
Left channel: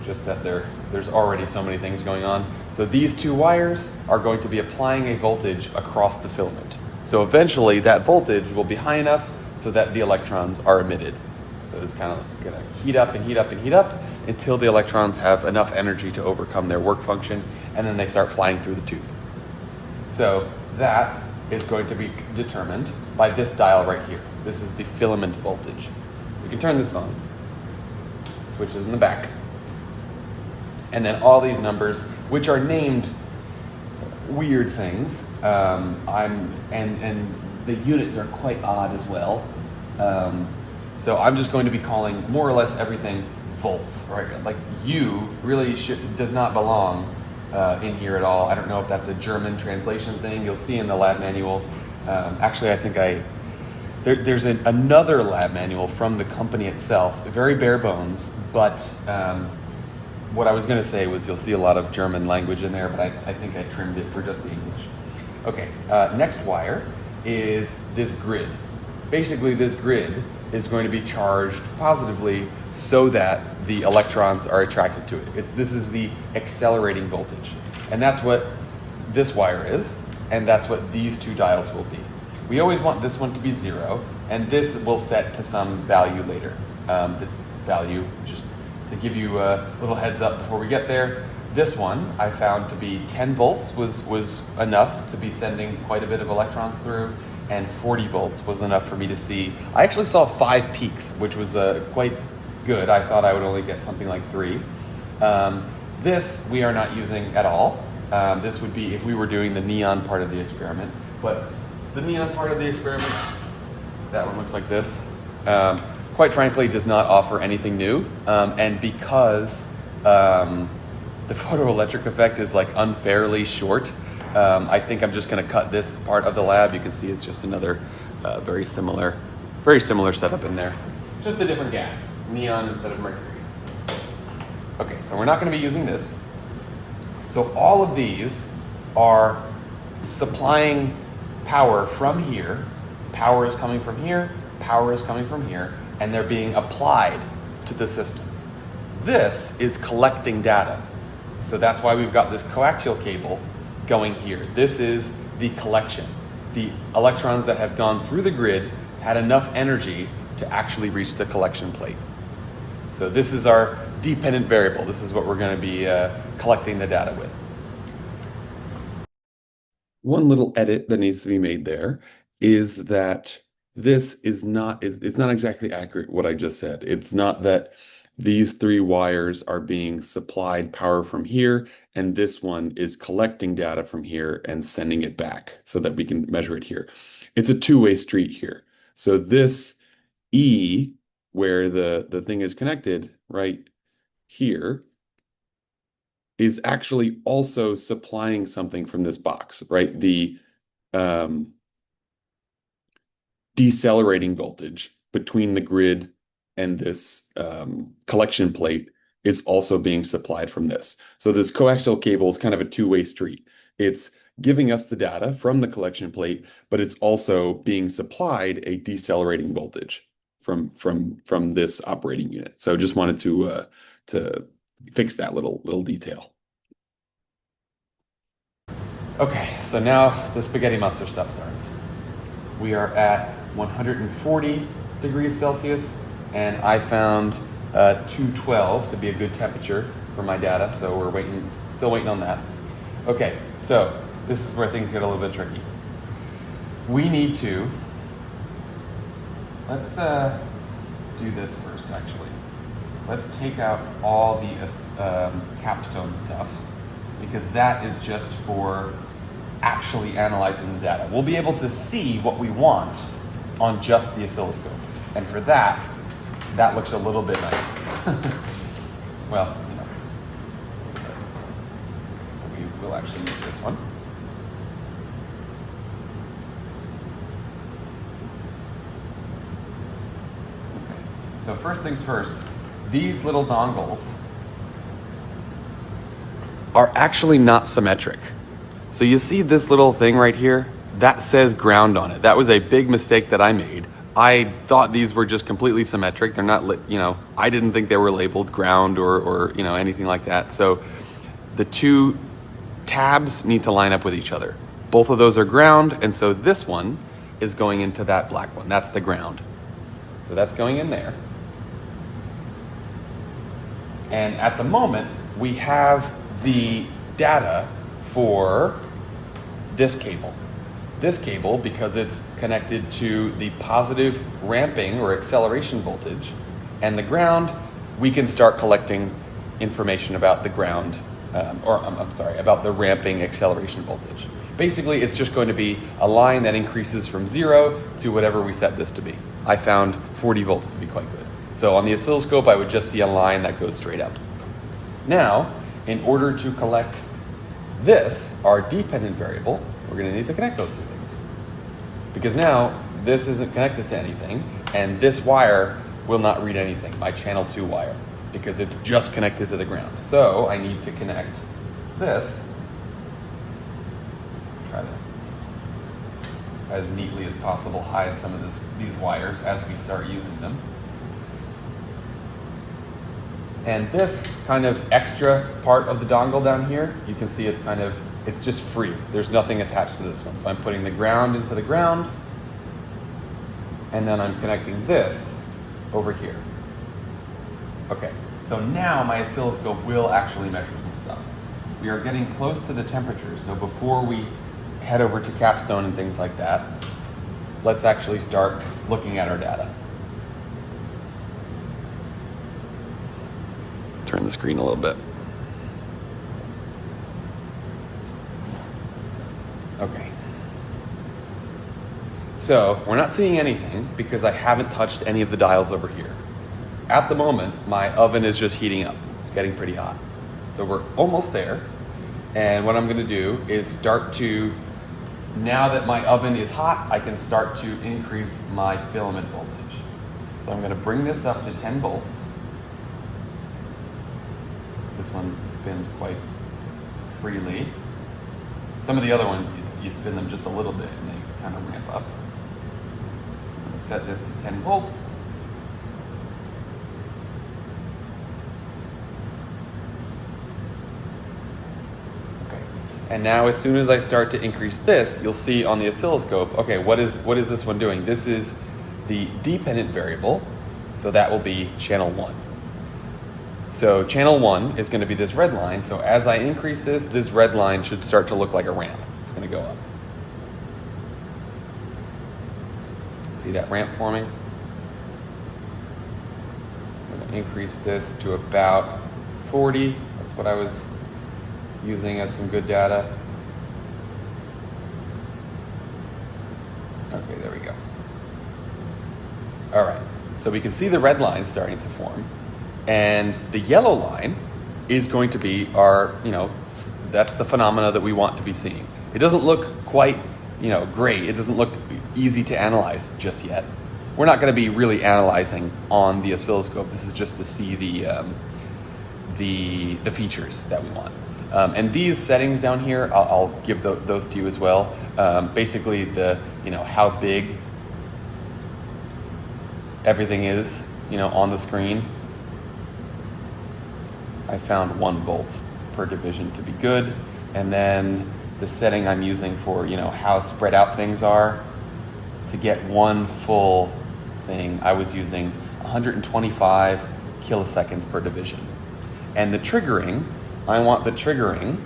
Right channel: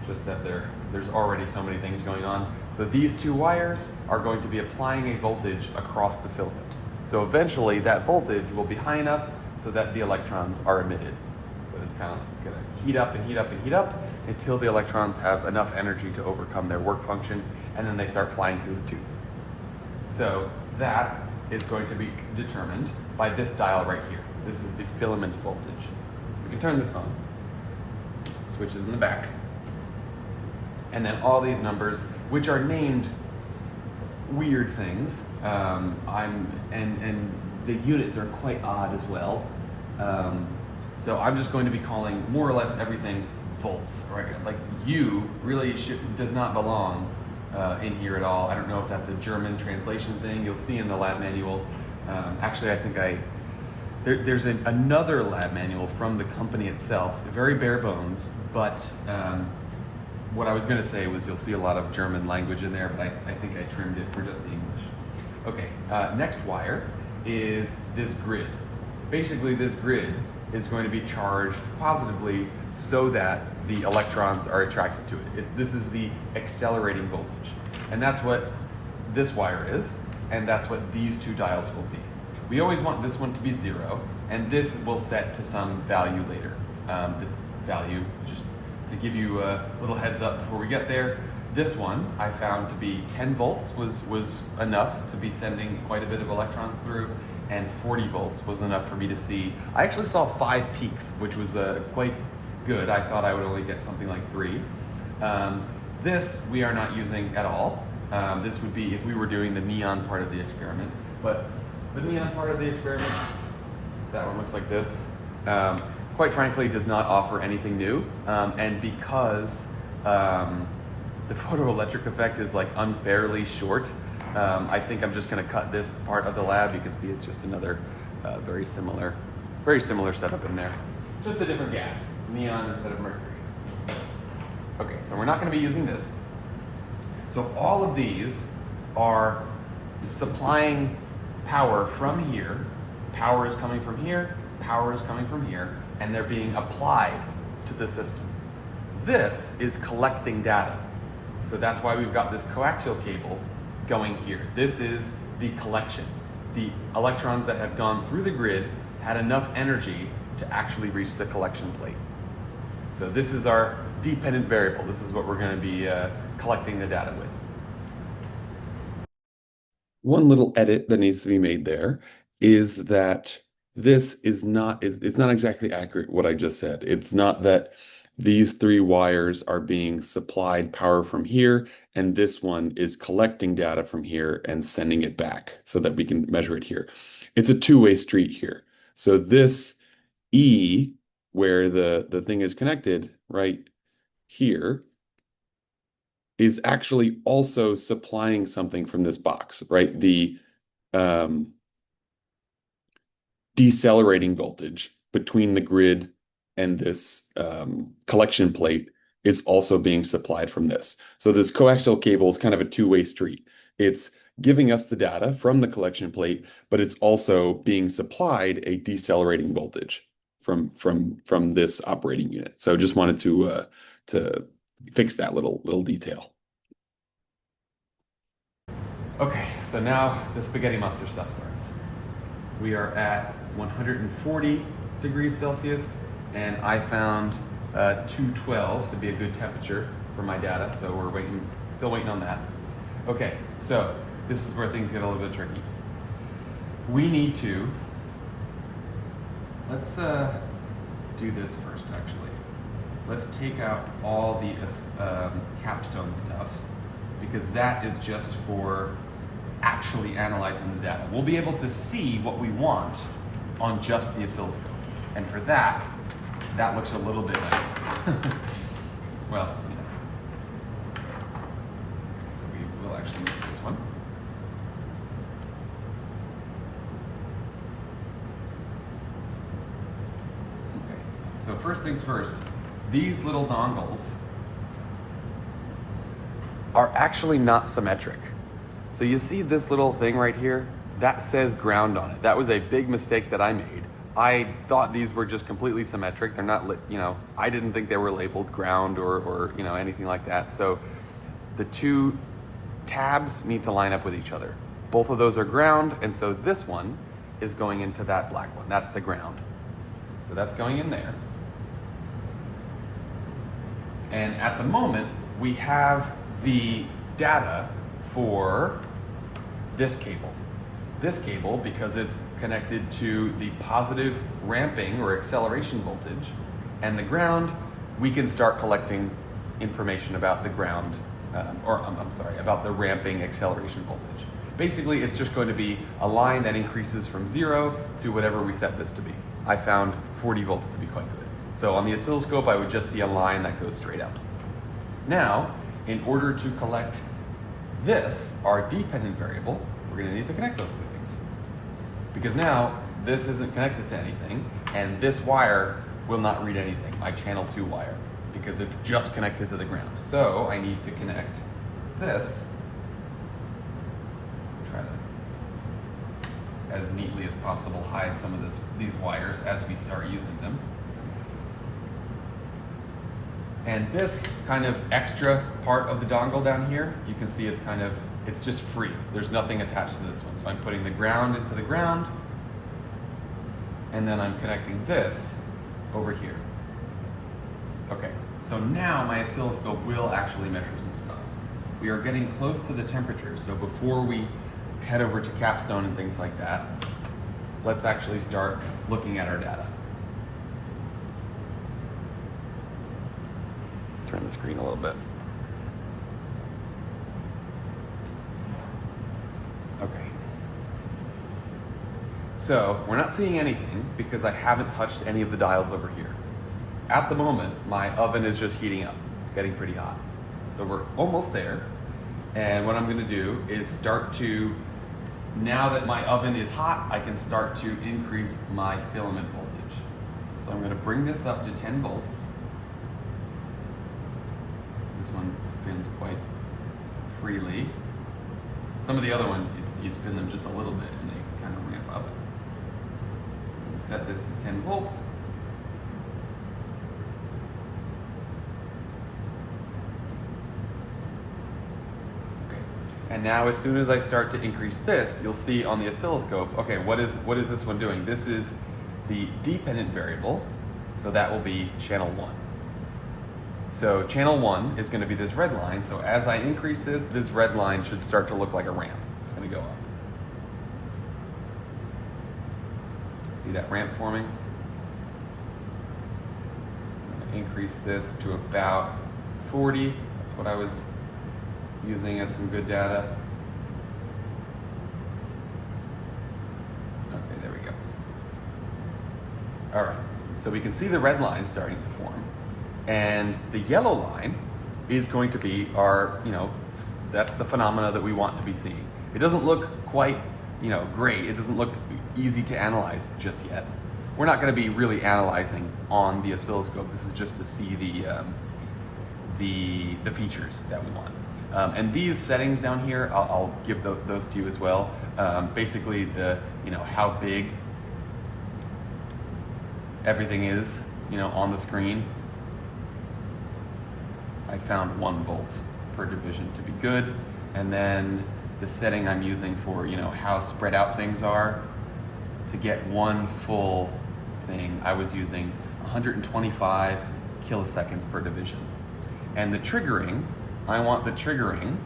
Just that there's already so many things going on. So these two wires are going to be applying a voltage across the filament. So eventually that voltage will be high enough so that the electrons are emitted. So it's kind of going to heat up and heat up and heat up until the electrons have enough energy to overcome their work function, and then they start flying through the tube. So that is going to be determined by this dial right here. This is the filament voltage. We can turn this on. Switches in the back. And then all these numbers, which are named weird things, and the units are quite odd as well. So I'm just going to be calling more or less everything volts. Right? Like U really does not belong in here at all. I don't know if that's a German translation thing. You'll see in the lab manual. Actually, I think there's another lab manual from the company itself, very bare bones, but what I was going to say was you'll see a lot of German language in there, but I think I trimmed it for just the English. Okay, next wire is this grid. Basically, this grid is going to be charged positively so that the electrons are attracted to it. This is the accelerating voltage. And that's what this wire is, and that's what these two diodes will be. We always want this one to be 0, and this will set to some value later. The value, just to give you a little heads up before we get there, this one I found to be 10 volts was enough to be sending quite a bit of electrons through, and 40 volts was enough for me to see. I actually saw 5 peaks, which was quite good. I thought I would only get something like 3. This we are not using at all. This would be if we were doing the neon part of the experiment, but the neon part of the experiment, that one looks like this, quite frankly does not offer anything new, and because the photoelectric effect is like unfairly short, I think I'm just going to cut this part of the lab. You can see it's just another very similar setup in there. Just a different gas, neon instead of mercury. Okay, so we're not going to be using this. So all of these are supplying power from here. Power is coming from here, power is coming from here, and they're being applied to the system. This is collecting data. So that's why we've got this coaxial cable going here. This is the collection. The electrons that have gone through the grid had enough energy to actually reach the collection plate. So this is our dependent variable. This is what we're going to be collecting the data with. One little edit that needs to be made there is that this is not, it's not exactly accurate what I just said. It's not that these 3 wires are being supplied power from here, and this one is collecting data from here and sending it back so that we can measure it here. It's a two-way street here. So this E, where the thing is connected right here, is actually also supplying something from this box, right? The decelerating voltage between the grid and this collection plate is also being supplied from this. So this coaxial cable is kind of a two-way street. It's giving us the data from the collection plate, but it's also being supplied a decelerating voltage from this operating unit. So just wanted to fix that little detail. Okay, so now the spaghetti monster stuff starts. We are at 140 degrees Celsius, and I found 212 to be a good temperature for my data, so we're still waiting on that. Okay, so this is where things get a little bit tricky. We need to, let's do this first actually. Let's take out all the capstone stuff, because that is just for actually analyzing the data. We'll be able to see what we want on just the oscilloscope. And for that looks a little bit nicer. Well, you know. So we will actually make this one. Okay. So first things first, these little dongles are actually not symmetric. So you see this little thing right here? That says ground on it. That was a big mistake that I made. I thought these were just completely symmetric. They're not, I didn't think they were labeled ground or anything like that. So the 2 tabs need to line up with each other. Both of those are ground, and so this one is going into that black one. That's the ground. So that's going in there. And at the moment, we have the data for this cable. This cable, because it's connected to the positive ramping or acceleration voltage, and the ground, we can start collecting information about the ground, about the ramping acceleration voltage. Basically, it's just going to be a line that increases from 0 to whatever we set this to be. I found 40 volts to be quite good. So on the oscilloscope, I would just see a line that goes straight up. Now, in order to collect this, our dependent variable, we're going to need to connect those 2 things. Because now, this isn't connected to anything, and this wire will not read anything, my channel 2 wire. because it's just connected to the ground. So I need to connect this, try to, as neatly as possible, hide some of these wires as we start using them. And this kind of extra part of the dongle down here, you can see it's just free. There's nothing attached to this one. So I'm putting the ground into the ground, and then I'm connecting this over here. Okay, so now my oscilloscope will actually measure some stuff. We are getting close to the temperature, so before we head over to capstone and things like that, let's actually start looking at our data. Turn the screen a little bit. Okay. So we're not seeing anything because I haven't touched any of the dials over here. At the moment, my oven is just heating up. It's getting pretty hot. So we're almost there. And what I'm gonna do is start to, now that my oven is hot, I can start to increase my filament voltage. So I'm gonna bring this up to 10 volts. This one spins quite freely. Some of the other ones, you spin them just a little bit and they kind of ramp up. So I'm going to set this to 10 volts. Okay. And now as soon as I start to increase this, you'll see on the oscilloscope, okay, what is this one doing? This is the dependent variable, so that will be channel 1. So channel 1 is going to be this red line. So as I increase this red line should start to look like a ramp. It's going to go up. See that ramp forming? I'm going to increase this to about 40. That's what I was using as some good data. Okay, there we go. All right, so we can see the red line starting to form. And the yellow line is going to be our, that's the phenomena that we want to be seeing. It doesn't look quite, great. It doesn't look easy to analyze just yet. We're not going to be really analyzing on the oscilloscope. This is just to see the features that we want. And these settings down here, I'll give those to you as well. Basically, how big everything is, on the screen. I found 1 volt per division to be good. And then the setting I'm using for, how spread out things are, to get one full thing, I was using 125 kiloseconds per division. And the triggering, I want the triggering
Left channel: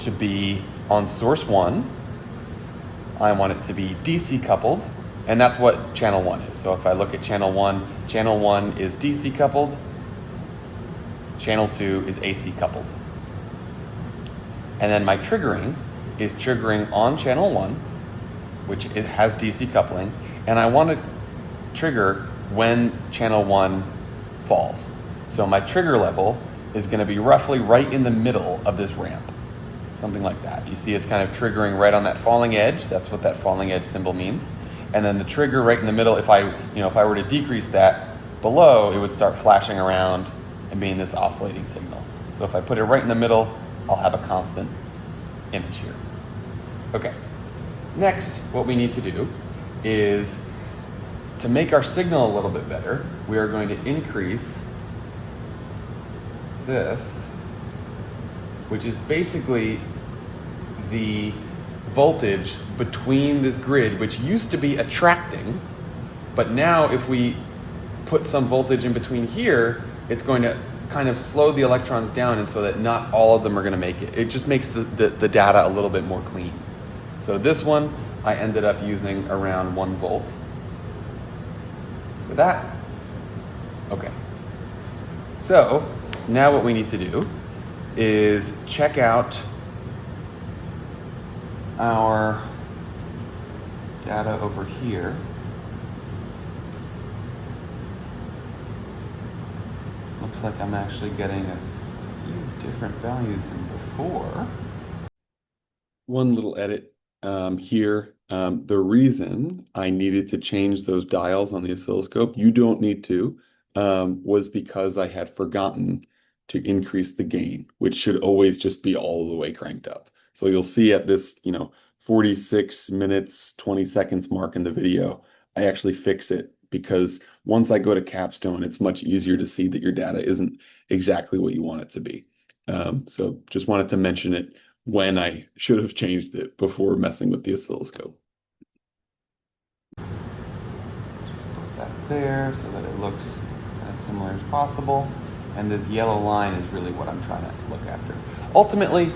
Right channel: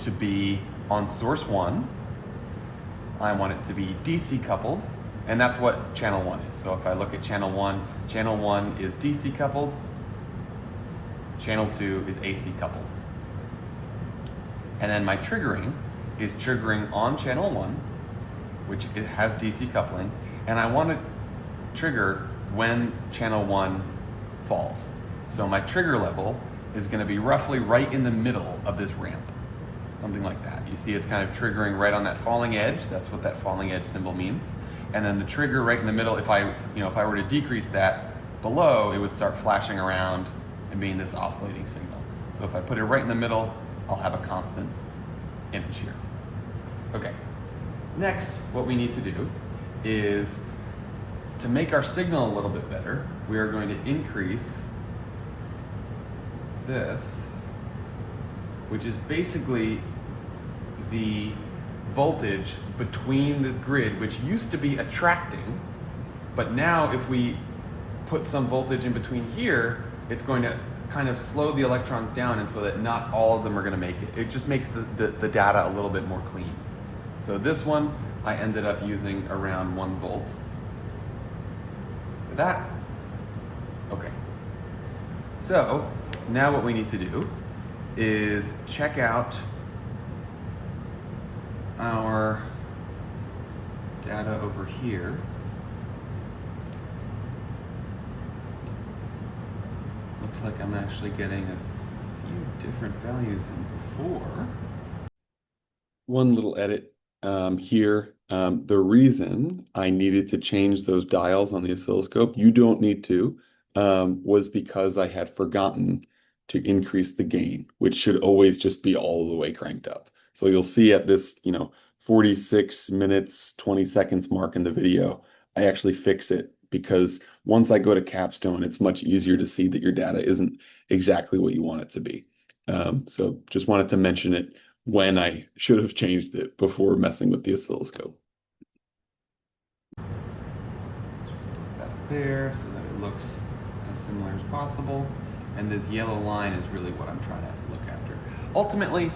to be on source 1. I want it to be DC coupled, and that's what channel 1 is. So if I look at channel 1 is DC coupled, channel 2 is AC coupled. And then my triggering is triggering on channel 1, which it has DC coupling, and I want to trigger when channel 1 falls. So my trigger level is going to be roughly right in the middle of this ramp, something like that. You see it's kind of triggering right on that falling edge. That's what that falling edge symbol means. And then the trigger right in the middle, if I were to decrease that below, it would start flashing around and being this oscillating signal. So if I put it right in the middle, I'll have a constant image here. Okay. Next, what we need to do is to make our signal a little bit better, we are going to increase this, which is basically the voltage between this grid, which used to be attracting, but now if we put some voltage in between here, it's going to kind of slow the electrons down, and so that not all of them are going to make it. It just makes the data a little bit more clean. So this one, I ended up using around 1 volt for that. Okay. So now what we need to do is check out our data over here. Looks like I'm actually getting a few different values than before. One little edit here. The reason I needed to change those dials on the oscilloscope, you don't need to. was because I had forgotten to increase the gain, which should always just be all the way cranked up. So you'll see at this, 46 minutes, 20 seconds mark in the video, I actually fix it because once I go to capstone, it's much easier to see that your data isn't exactly what you want it to be. So just wanted to mention it when I should have changed it before messing with the oscilloscope. Let's just put that there so that it looks as similar as possible. And this yellow line is really what I'm trying to look after. Ultimately,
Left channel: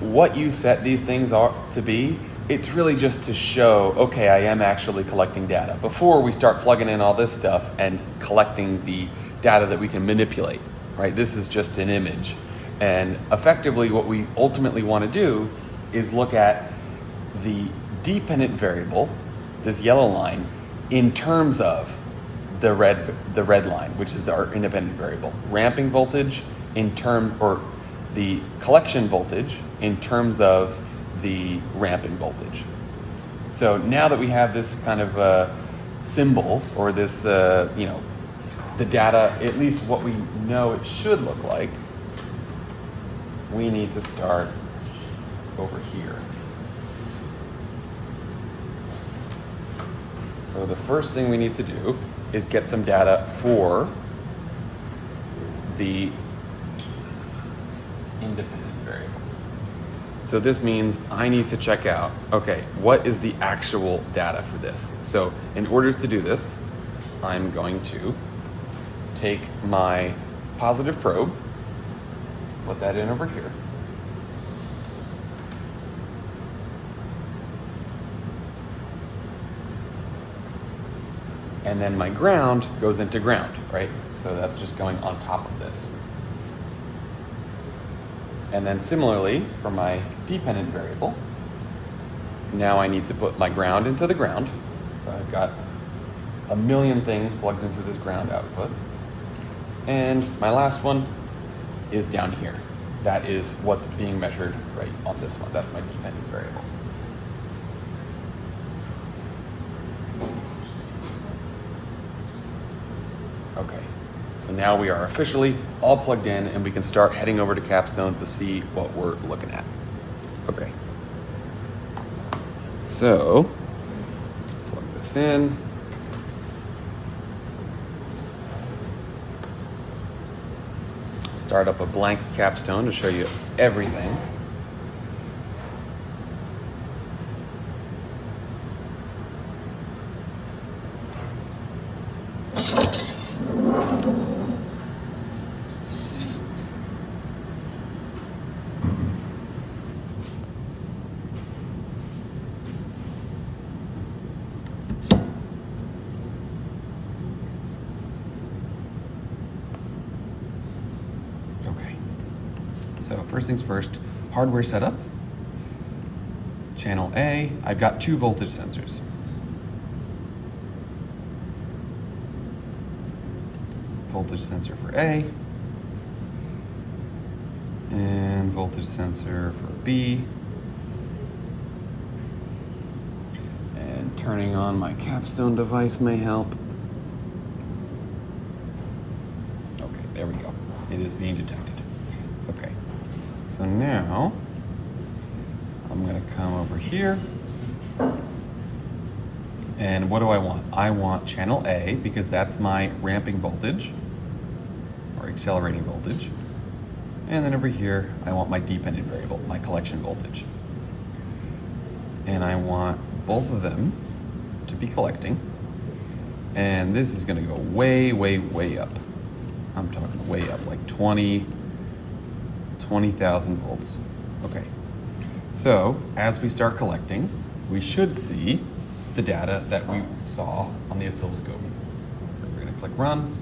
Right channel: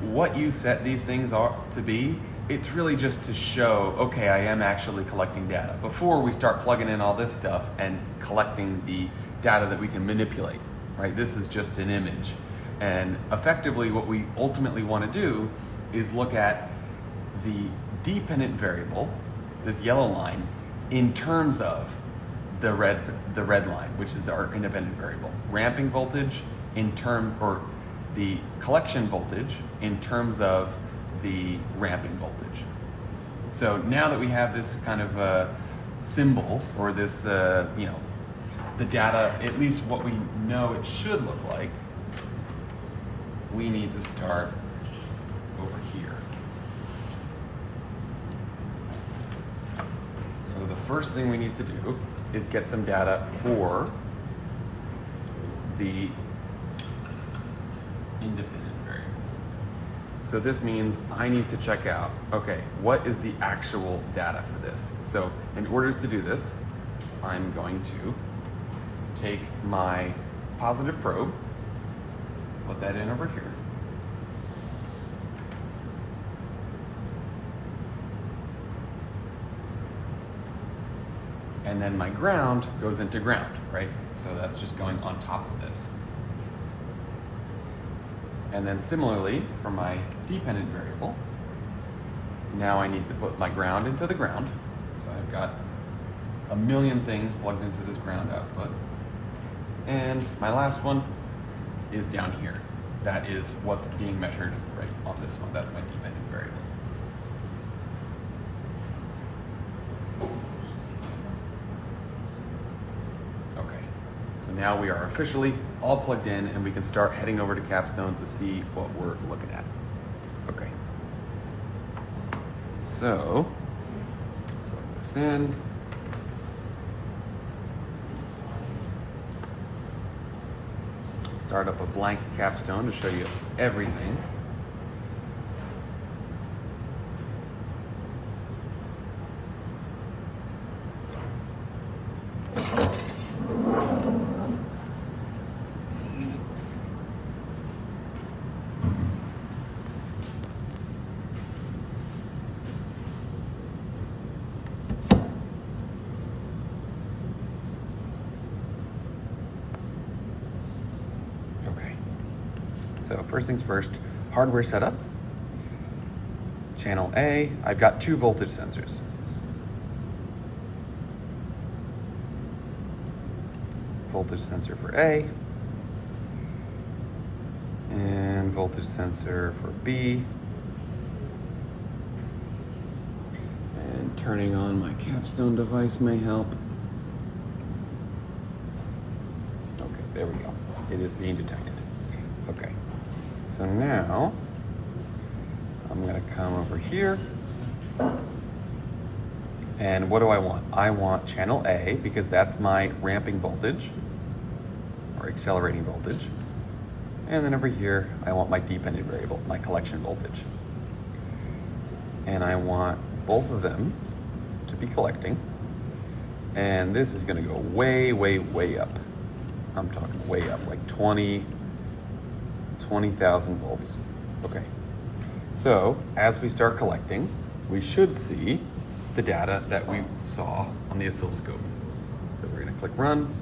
what you set these things are to be, it's really just to show, okay, I am actually collecting data before we start plugging in all this stuff and collecting the data that we can manipulate, right? This is just an image. And effectively what we ultimately want to do is look at the dependent variable, this yellow line, in terms of the red line, which is our independent variable. Ramping voltage or the collection voltage in terms of the ramping voltage. So now that we have this kind of symbol, or this, the data, at least what we know it should look like, we need to start over here. So the first thing we need to do is get some data for the independent variable. So this means I need to check out, okay, what is the actual data for this? So in order to do this, I'm going to take my positive probe, put that in over here. And then my ground goes into ground, right? So that's just going on top of this. And then similarly, for my dependent variable, now I need to put my ground into the ground. So I've got a million things plugged into this ground output. And my last one is down here. That is what's being measured right on this one. That's my dependent variable. Okay, so now we are officially all plugged in and we can start heading over to Capstone to see what we're looking at. Okay, so plug this in. Start up a blank Capstone to show you everything. So first things first, hardware setup. Channel A, I've got 2 voltage sensors. Voltage sensor for A, and voltage sensor for B. And turning on my Capstone device may help. Okay, there we go. It is being detected. Okay. So now, I'm gonna come over here, and what do I want? I want channel A, because that's my ramping voltage, or accelerating voltage. And then over here, I want my dependent variable, my collection voltage. And I want both of them to be collecting. And this is gonna go way, way, way up. I'm talking way up, like 20,000 volts. Okay, so as we start collecting, we should see the data that we saw on the oscilloscope. So we're gonna click run,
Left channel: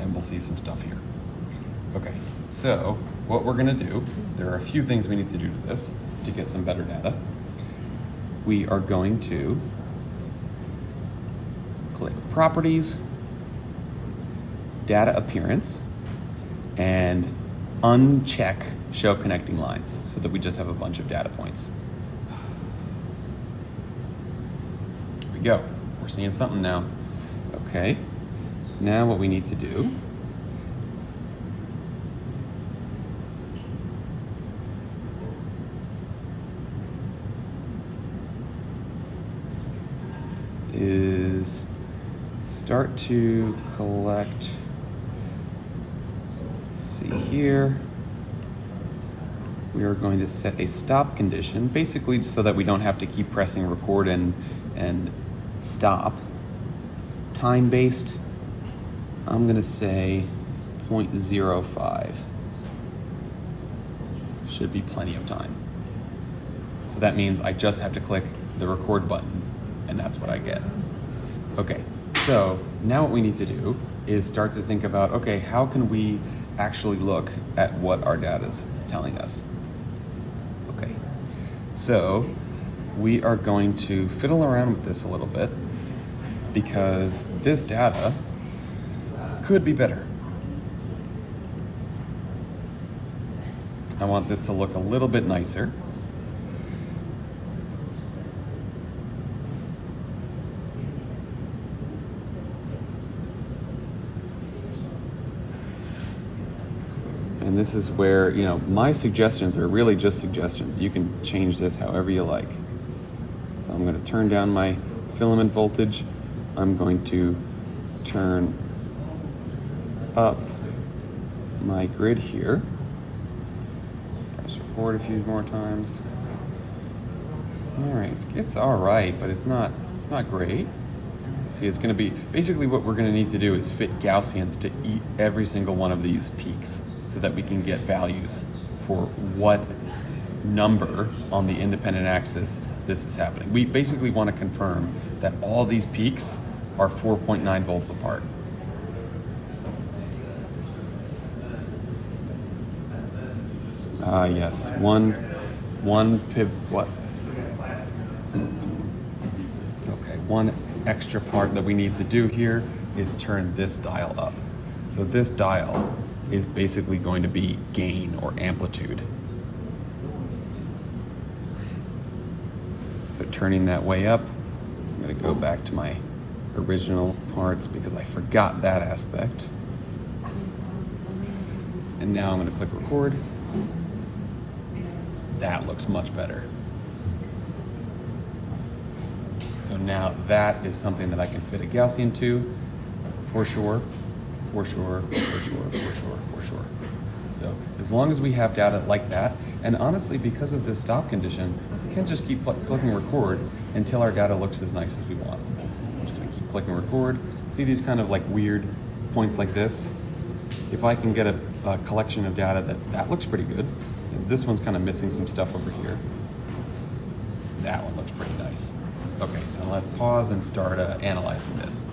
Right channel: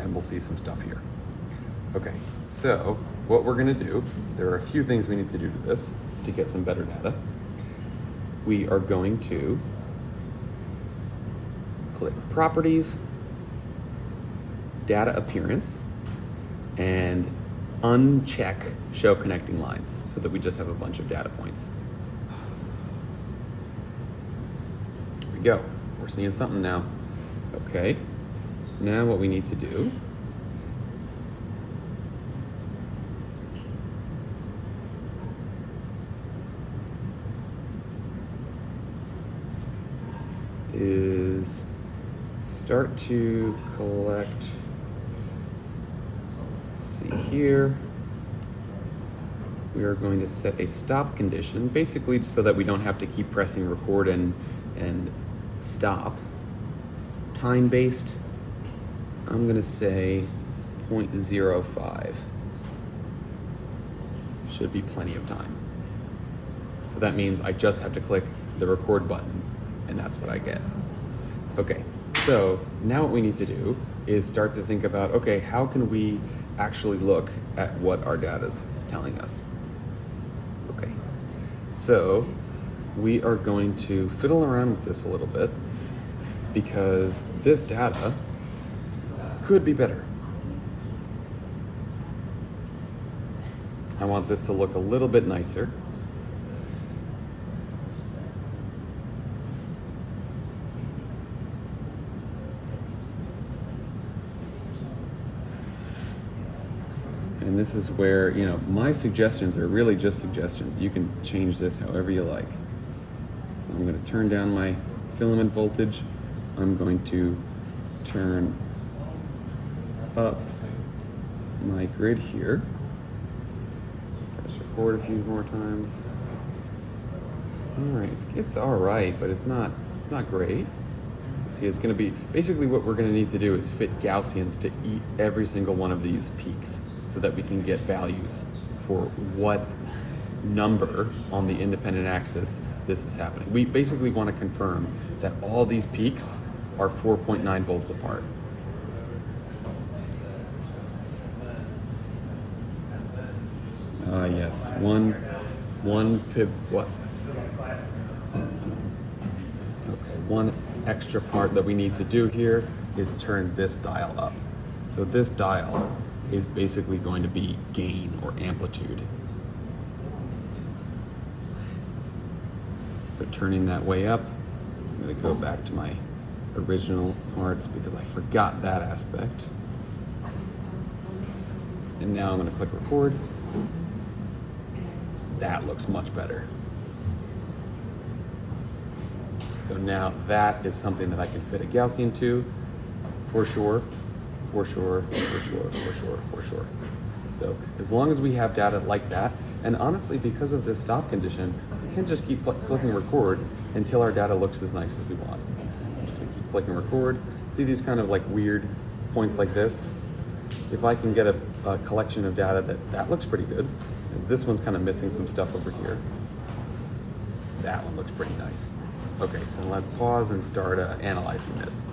and we'll see some stuff here. Okay, so what we're gonna do, there are a few things we need to do to this to get some better data. We are going to click properties, data appearance, and uncheck show connecting lines so that we just have a bunch of data points. Here we go. We're seeing something now. Okay. now what we need to do is start to collect. Let's see here. We are going to set a stop condition, basically so that we don't have to keep pressing record and stop. Time-based, I'm going to say 0.05. Should be plenty of time. So that means I just have to click the record button, and that's what I get. Okay, so now what we need to do is start to think about, okay, how can we actually look at what our data is telling us? Okay, so we are going to fiddle around with this a little bit because this data could be better. I want this to look a little bit nicer. And this is where, you know, my suggestions are really just suggestions. You can change this however you like. So I'm going to turn down my filament voltage. I'm going to turn up my grid here. Press record a few more times. All right, it's all right, but it's not great. See, it's going to be basically what we're going to need to do is fit Gaussians to eat every single one of these peaks, so that we can get values for what number on the independent axis this is happening. We basically want to confirm that all these peaks are 4.9 volts apart. Yes, one pip, what? Okay, one extra part that we need to do here is turn this dial up. So this dial is basically going to be gain or amplitude. So turning that way up, I'm going to go back to my original parts because I forgot that aspect. And now I'm going to click record. That looks much better. So now that is something that I can fit a Gaussian to, for sure. For sure. So as long as we have data like that, and honestly, because of this stop condition, we can just keep clicking record until our data looks as nice as we want. Just keep clicking record. See these kind of like weird points like this? If I can get a collection of data that looks pretty good. This one's kind of missing some stuff over here. That one looks pretty nice. Okay, so let's pause and start analyzing this.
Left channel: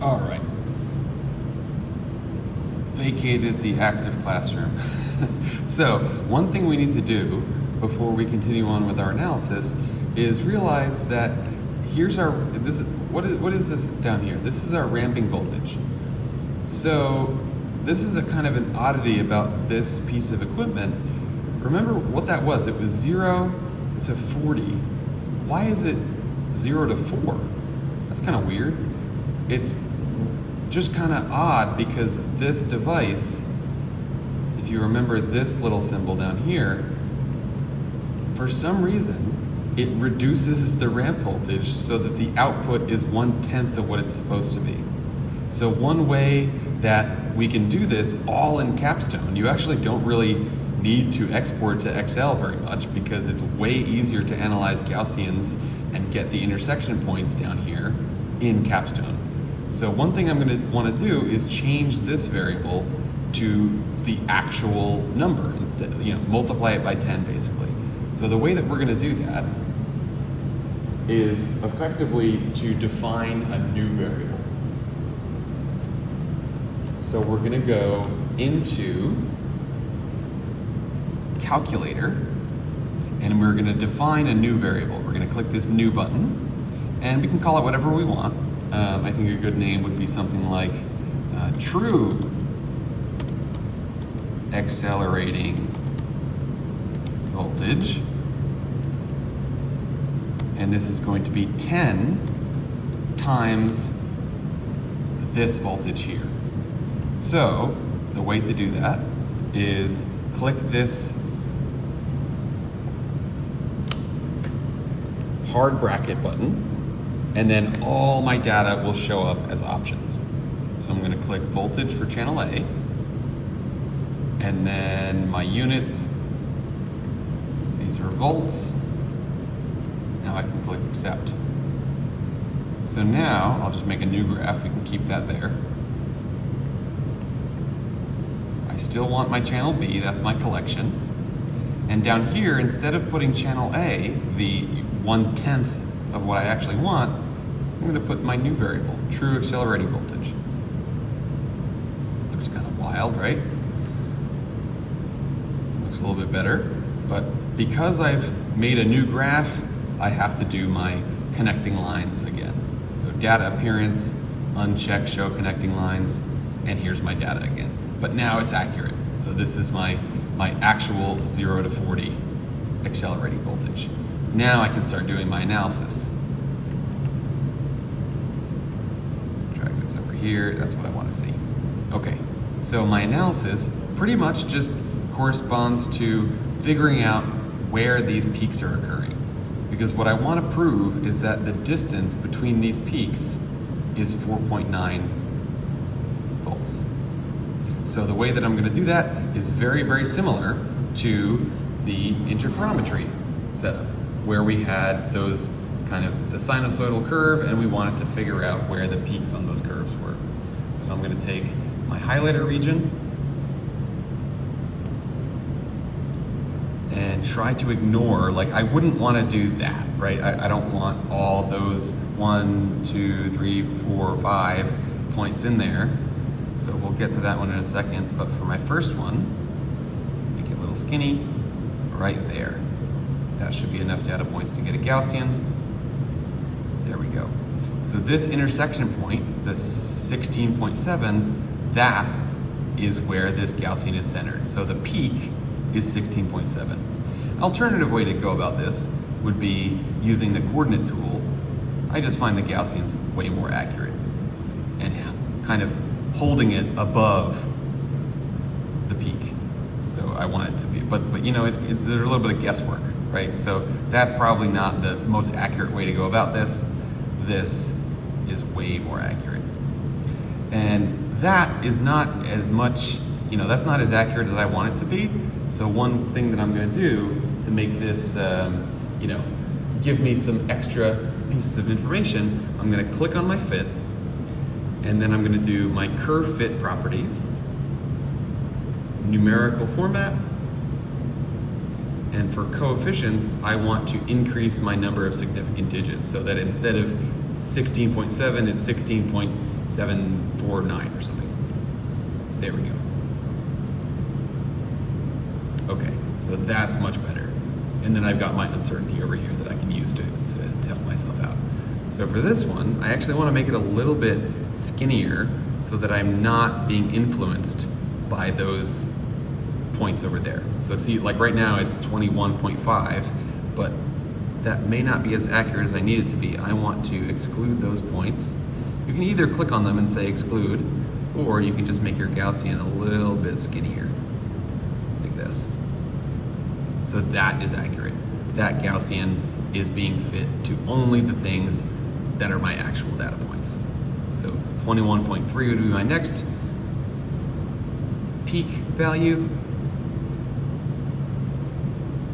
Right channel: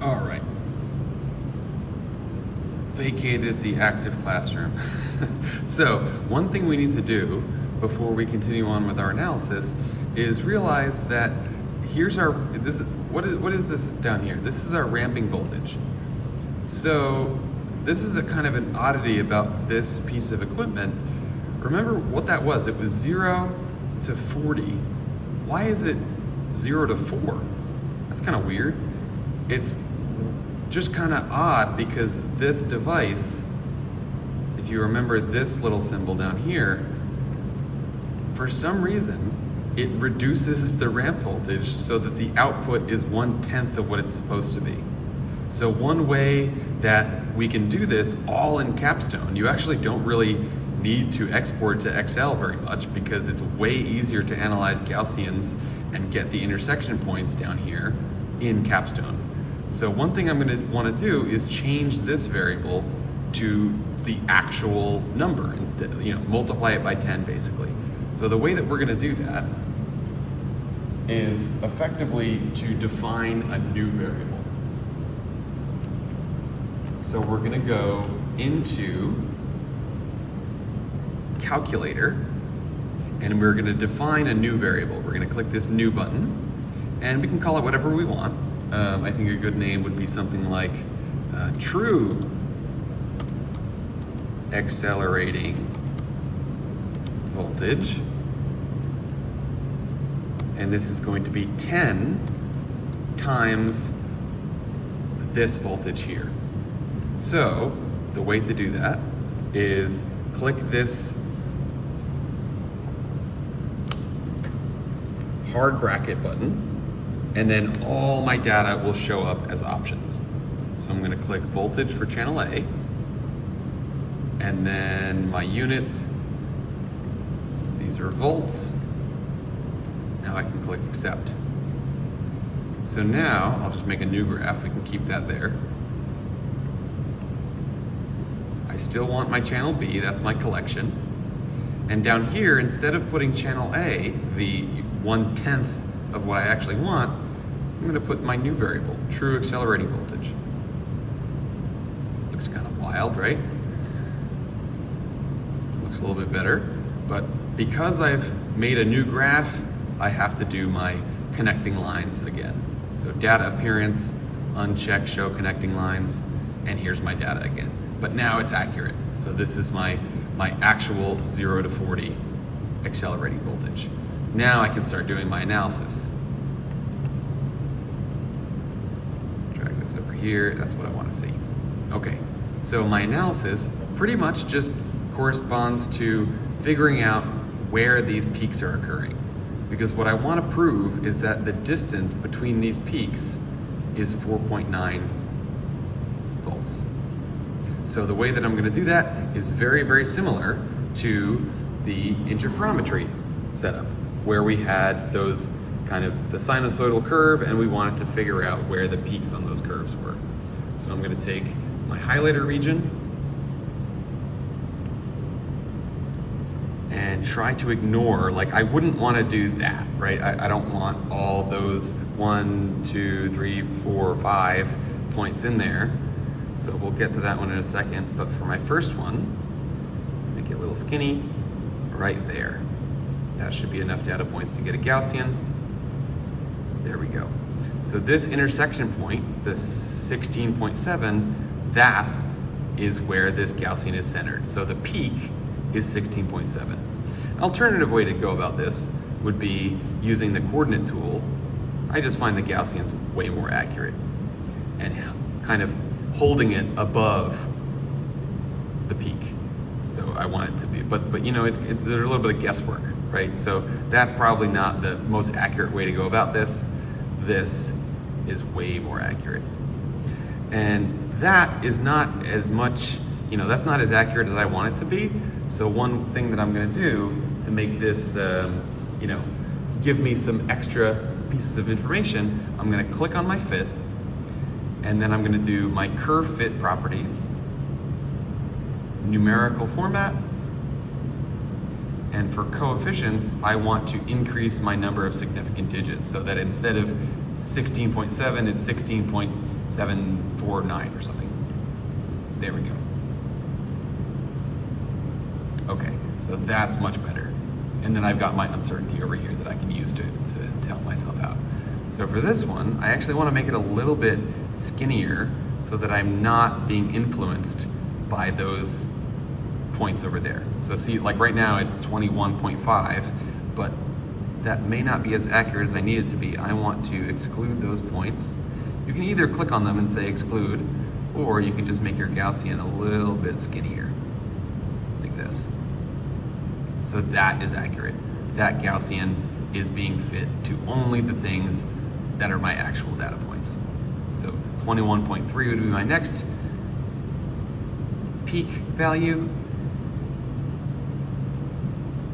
All right. Vacated the active classroom. So one thing we need to do before we continue on with our analysis is realize that here's our, what is this down here? This is our ramping voltage. So this is a kind of an oddity about this piece of equipment. Remember what that was? It was 0 to 40. Why is it 0 to 4? That's kind of weird. It's just kind of odd because this device, if you remember this little symbol down here, for some reason it reduces the ramp voltage so that the output is 1/10 of what it's supposed to be. So one way that we can do this all in Capstone, you actually don't really need to export to Excel very much because it's way easier to analyze Gaussians and get the intersection points down here in Capstone. So one thing I'm going to want to do is change this variable to the actual number instead, multiply it by 10 basically. So the way that we're going to do that is effectively to define a new variable. So we're going to go into calculator and we're going to define a new variable. We're going to click this new button and we can call it whatever we want. I think a good name would be something like true accelerating voltage, and this is going to be 10 times this voltage here. So the way to do that is click this hard bracket button, and then all my data will show up as options. So I'm going to click voltage for channel A, and then my units, these are volts. Now I can click accept. So now I'll just make a new graph. We can keep that there. I still want my channel B, that's my collection. And down here, instead of putting channel A, the 1/10 of what I actually want, I'm going to put my new variable, true accelerating voltage. Looks kind of wild, right? Looks a little bit better, but because I've made a new graph, I have to do my connecting lines again. So data appearance, uncheck show connecting lines, and here's my data again. But now it's accurate. So this is my actual 0 to 40 accelerating voltage. Now I can start doing my analysis. Drag this over here, that's what I want to see. Okay, so my analysis pretty much just corresponds to figuring out where these peaks are occurring. Because what I want to prove is that the distance between these peaks is 4.9 volts. So the way that I'm going to do that is very, very similar to the interferometry setup, where we had those kind of the sinusoidal curve and we wanted to figure out where the peaks on those curves were. So I'm going to take my highlighter region and try to ignore, like I wouldn't want to do that, right? I don't want all those 1, 2, 3, 4, 5 points in there. So we'll get to that one in a second. But for my first one, make it a little skinny right there. That should be enough data points to get a Gaussian. There we go. So this intersection point, the 16.7, that is where this Gaussian is centered. So the peak is 16.7. Alternative way to go about this would be using the coordinate tool. I just find the Gaussians way more accurate and kind of holding it above the peak. So I want it to be, but you know, there's a little bit of guesswork, right? So that's probably not the most accurate way to go about this. This is way more accurate. And that is not as much, you know, that's not as accurate as I want it to be. So one thing that I'm going to do to make this, you know, give me some extra pieces of information, I'm going to click on my fit, and then I'm going to do my curve fit properties, numerical format, and for coefficients, I want to increase my number of significant digits so that instead of 16.7, it's 16.749 or something. There we go. Okay, so that's much better. And then I've got my uncertainty over here that I can use to help myself out. So for this one, I actually want to make it a little bit skinnier so that I'm not being influenced by those points over there. So see, like right now it's 21.5, but that may not be as accurate as I need it to be. I want to exclude those points. You can either click on them and say exclude, or you can just make your Gaussian a little bit skinnier, like this. So that is accurate. That Gaussian is being fit to only the things that are my actual data points. So 21.3 would be my next peak value.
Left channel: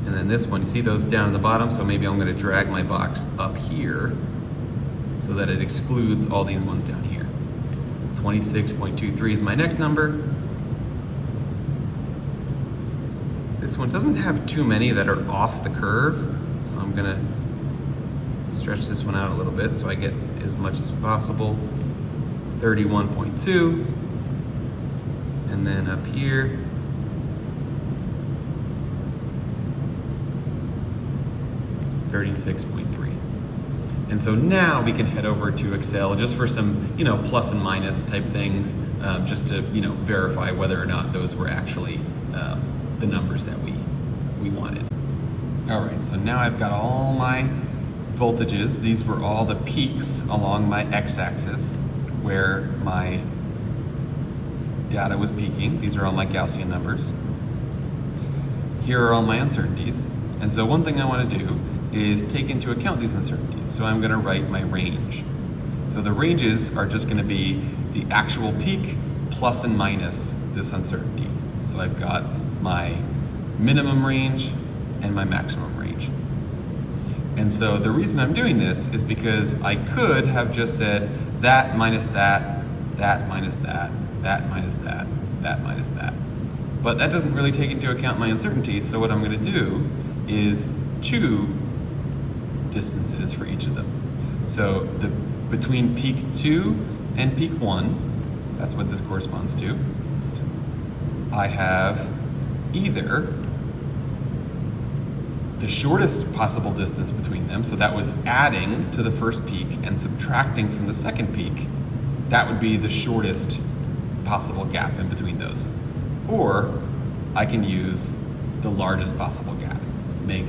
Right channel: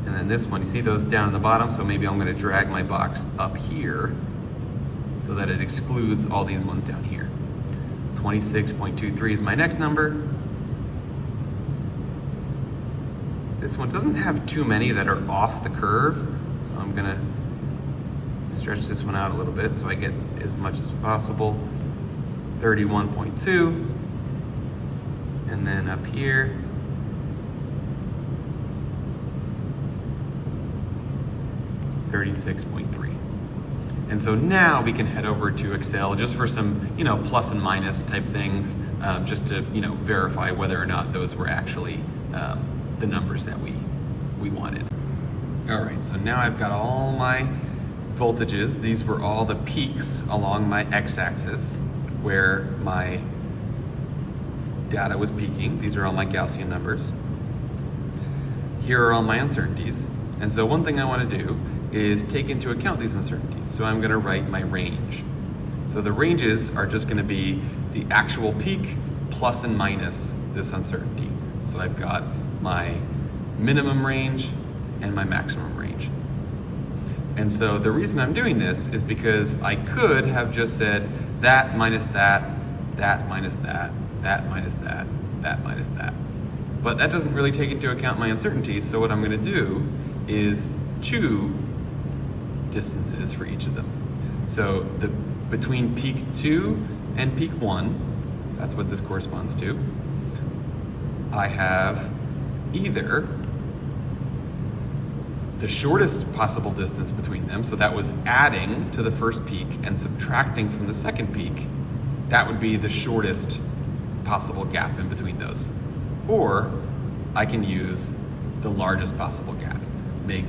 And then this one, you see those down in the bottom, so maybe I'm going to drag my box up here so that it excludes all these ones down here. 26.23 is my next number. This one doesn't have too many that are off the curve, so I'm going to stretch this one out a little bit so I get as much as possible. 31.2, and then up here, $36.3. And so now we can head over to Excel just for some, you know, plus and minus type things, just to, you know, verify whether or not those were actually the numbers that we wanted. All right, so now I've got all my voltages. These were all the peaks along my x-axis where my data was peaking. These are all my Gaussian numbers. Here are all my uncertainties. And so one thing I want to do is take into account these uncertainties. So I'm going to write my range. So the ranges are just going to be the actual peak plus and minus this uncertainty. So I've got my minimum range and my maximum range. And so the reason I'm doing this is because I could have just said that minus that, that minus that, that minus that, that minus that. But that doesn't really take into account my uncertainties, so what I'm going to do is chew distances for each of them. So between peak 2 and peak 1, that's what this corresponds to, I have either the shortest possible distance between them, so that was adding to the first peak and subtracting from the second peak, that would be the shortest possible gap in between those. Or I can use the largest possible gap. Make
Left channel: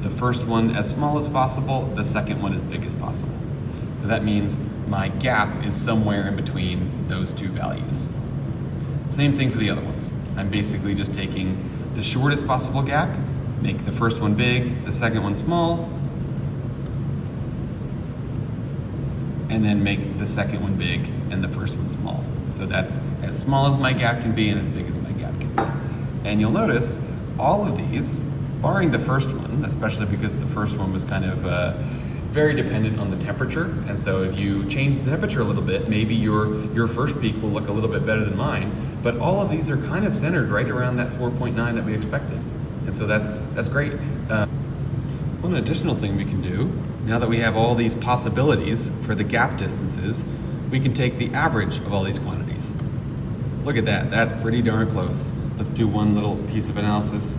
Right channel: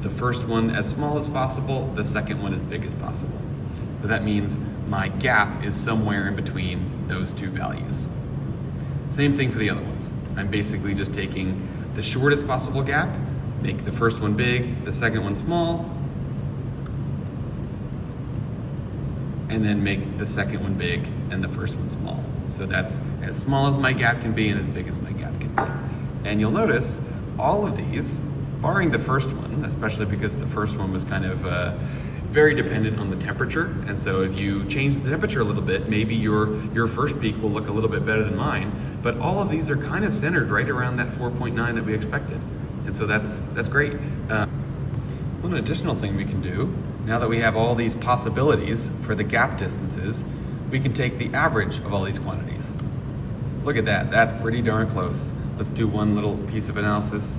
the first one as small as possible, the second one as big as possible. So that means my gap is somewhere in between those two values. Same thing for the other ones. I'm basically just taking the shortest possible gap, make the first one big, the second one small, and then make the second one big and the first one small. So that's as small as my gap can be and as big as my gap can be. And you'll notice all of these, barring the first one, especially because the first one was kind of very dependent on the temperature. And so if you change the temperature a little bit, maybe your first peak will look a little bit better than mine. But all of these are kind of centered right around that 4.9 that we expected. And so that's great. One additional thing we can do, now that we have all these possibilities for the gap distances, we can take the average of all these quantities. Look at that, that's pretty darn close. Let's do one little piece of analysis.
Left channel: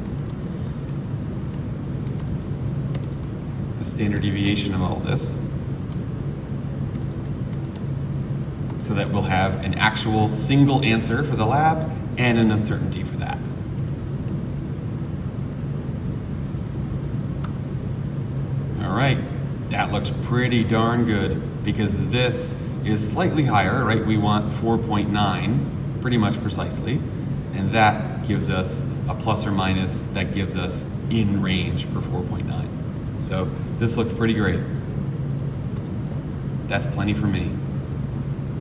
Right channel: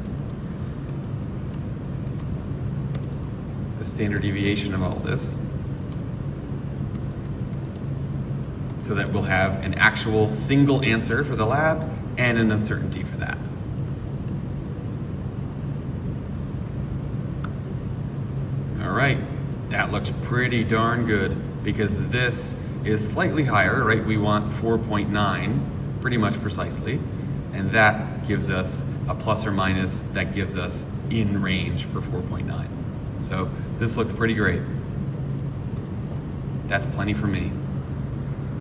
The standard deviation of all of this. So that we'll have an actual single answer for the lab and an uncertainty for that. All right, that looks pretty darn good because this is slightly higher, right? We want 4.9 pretty much precisely, and that gives us a plus or minus that gives us in range for 4.9. So this looked pretty great. That's plenty for me.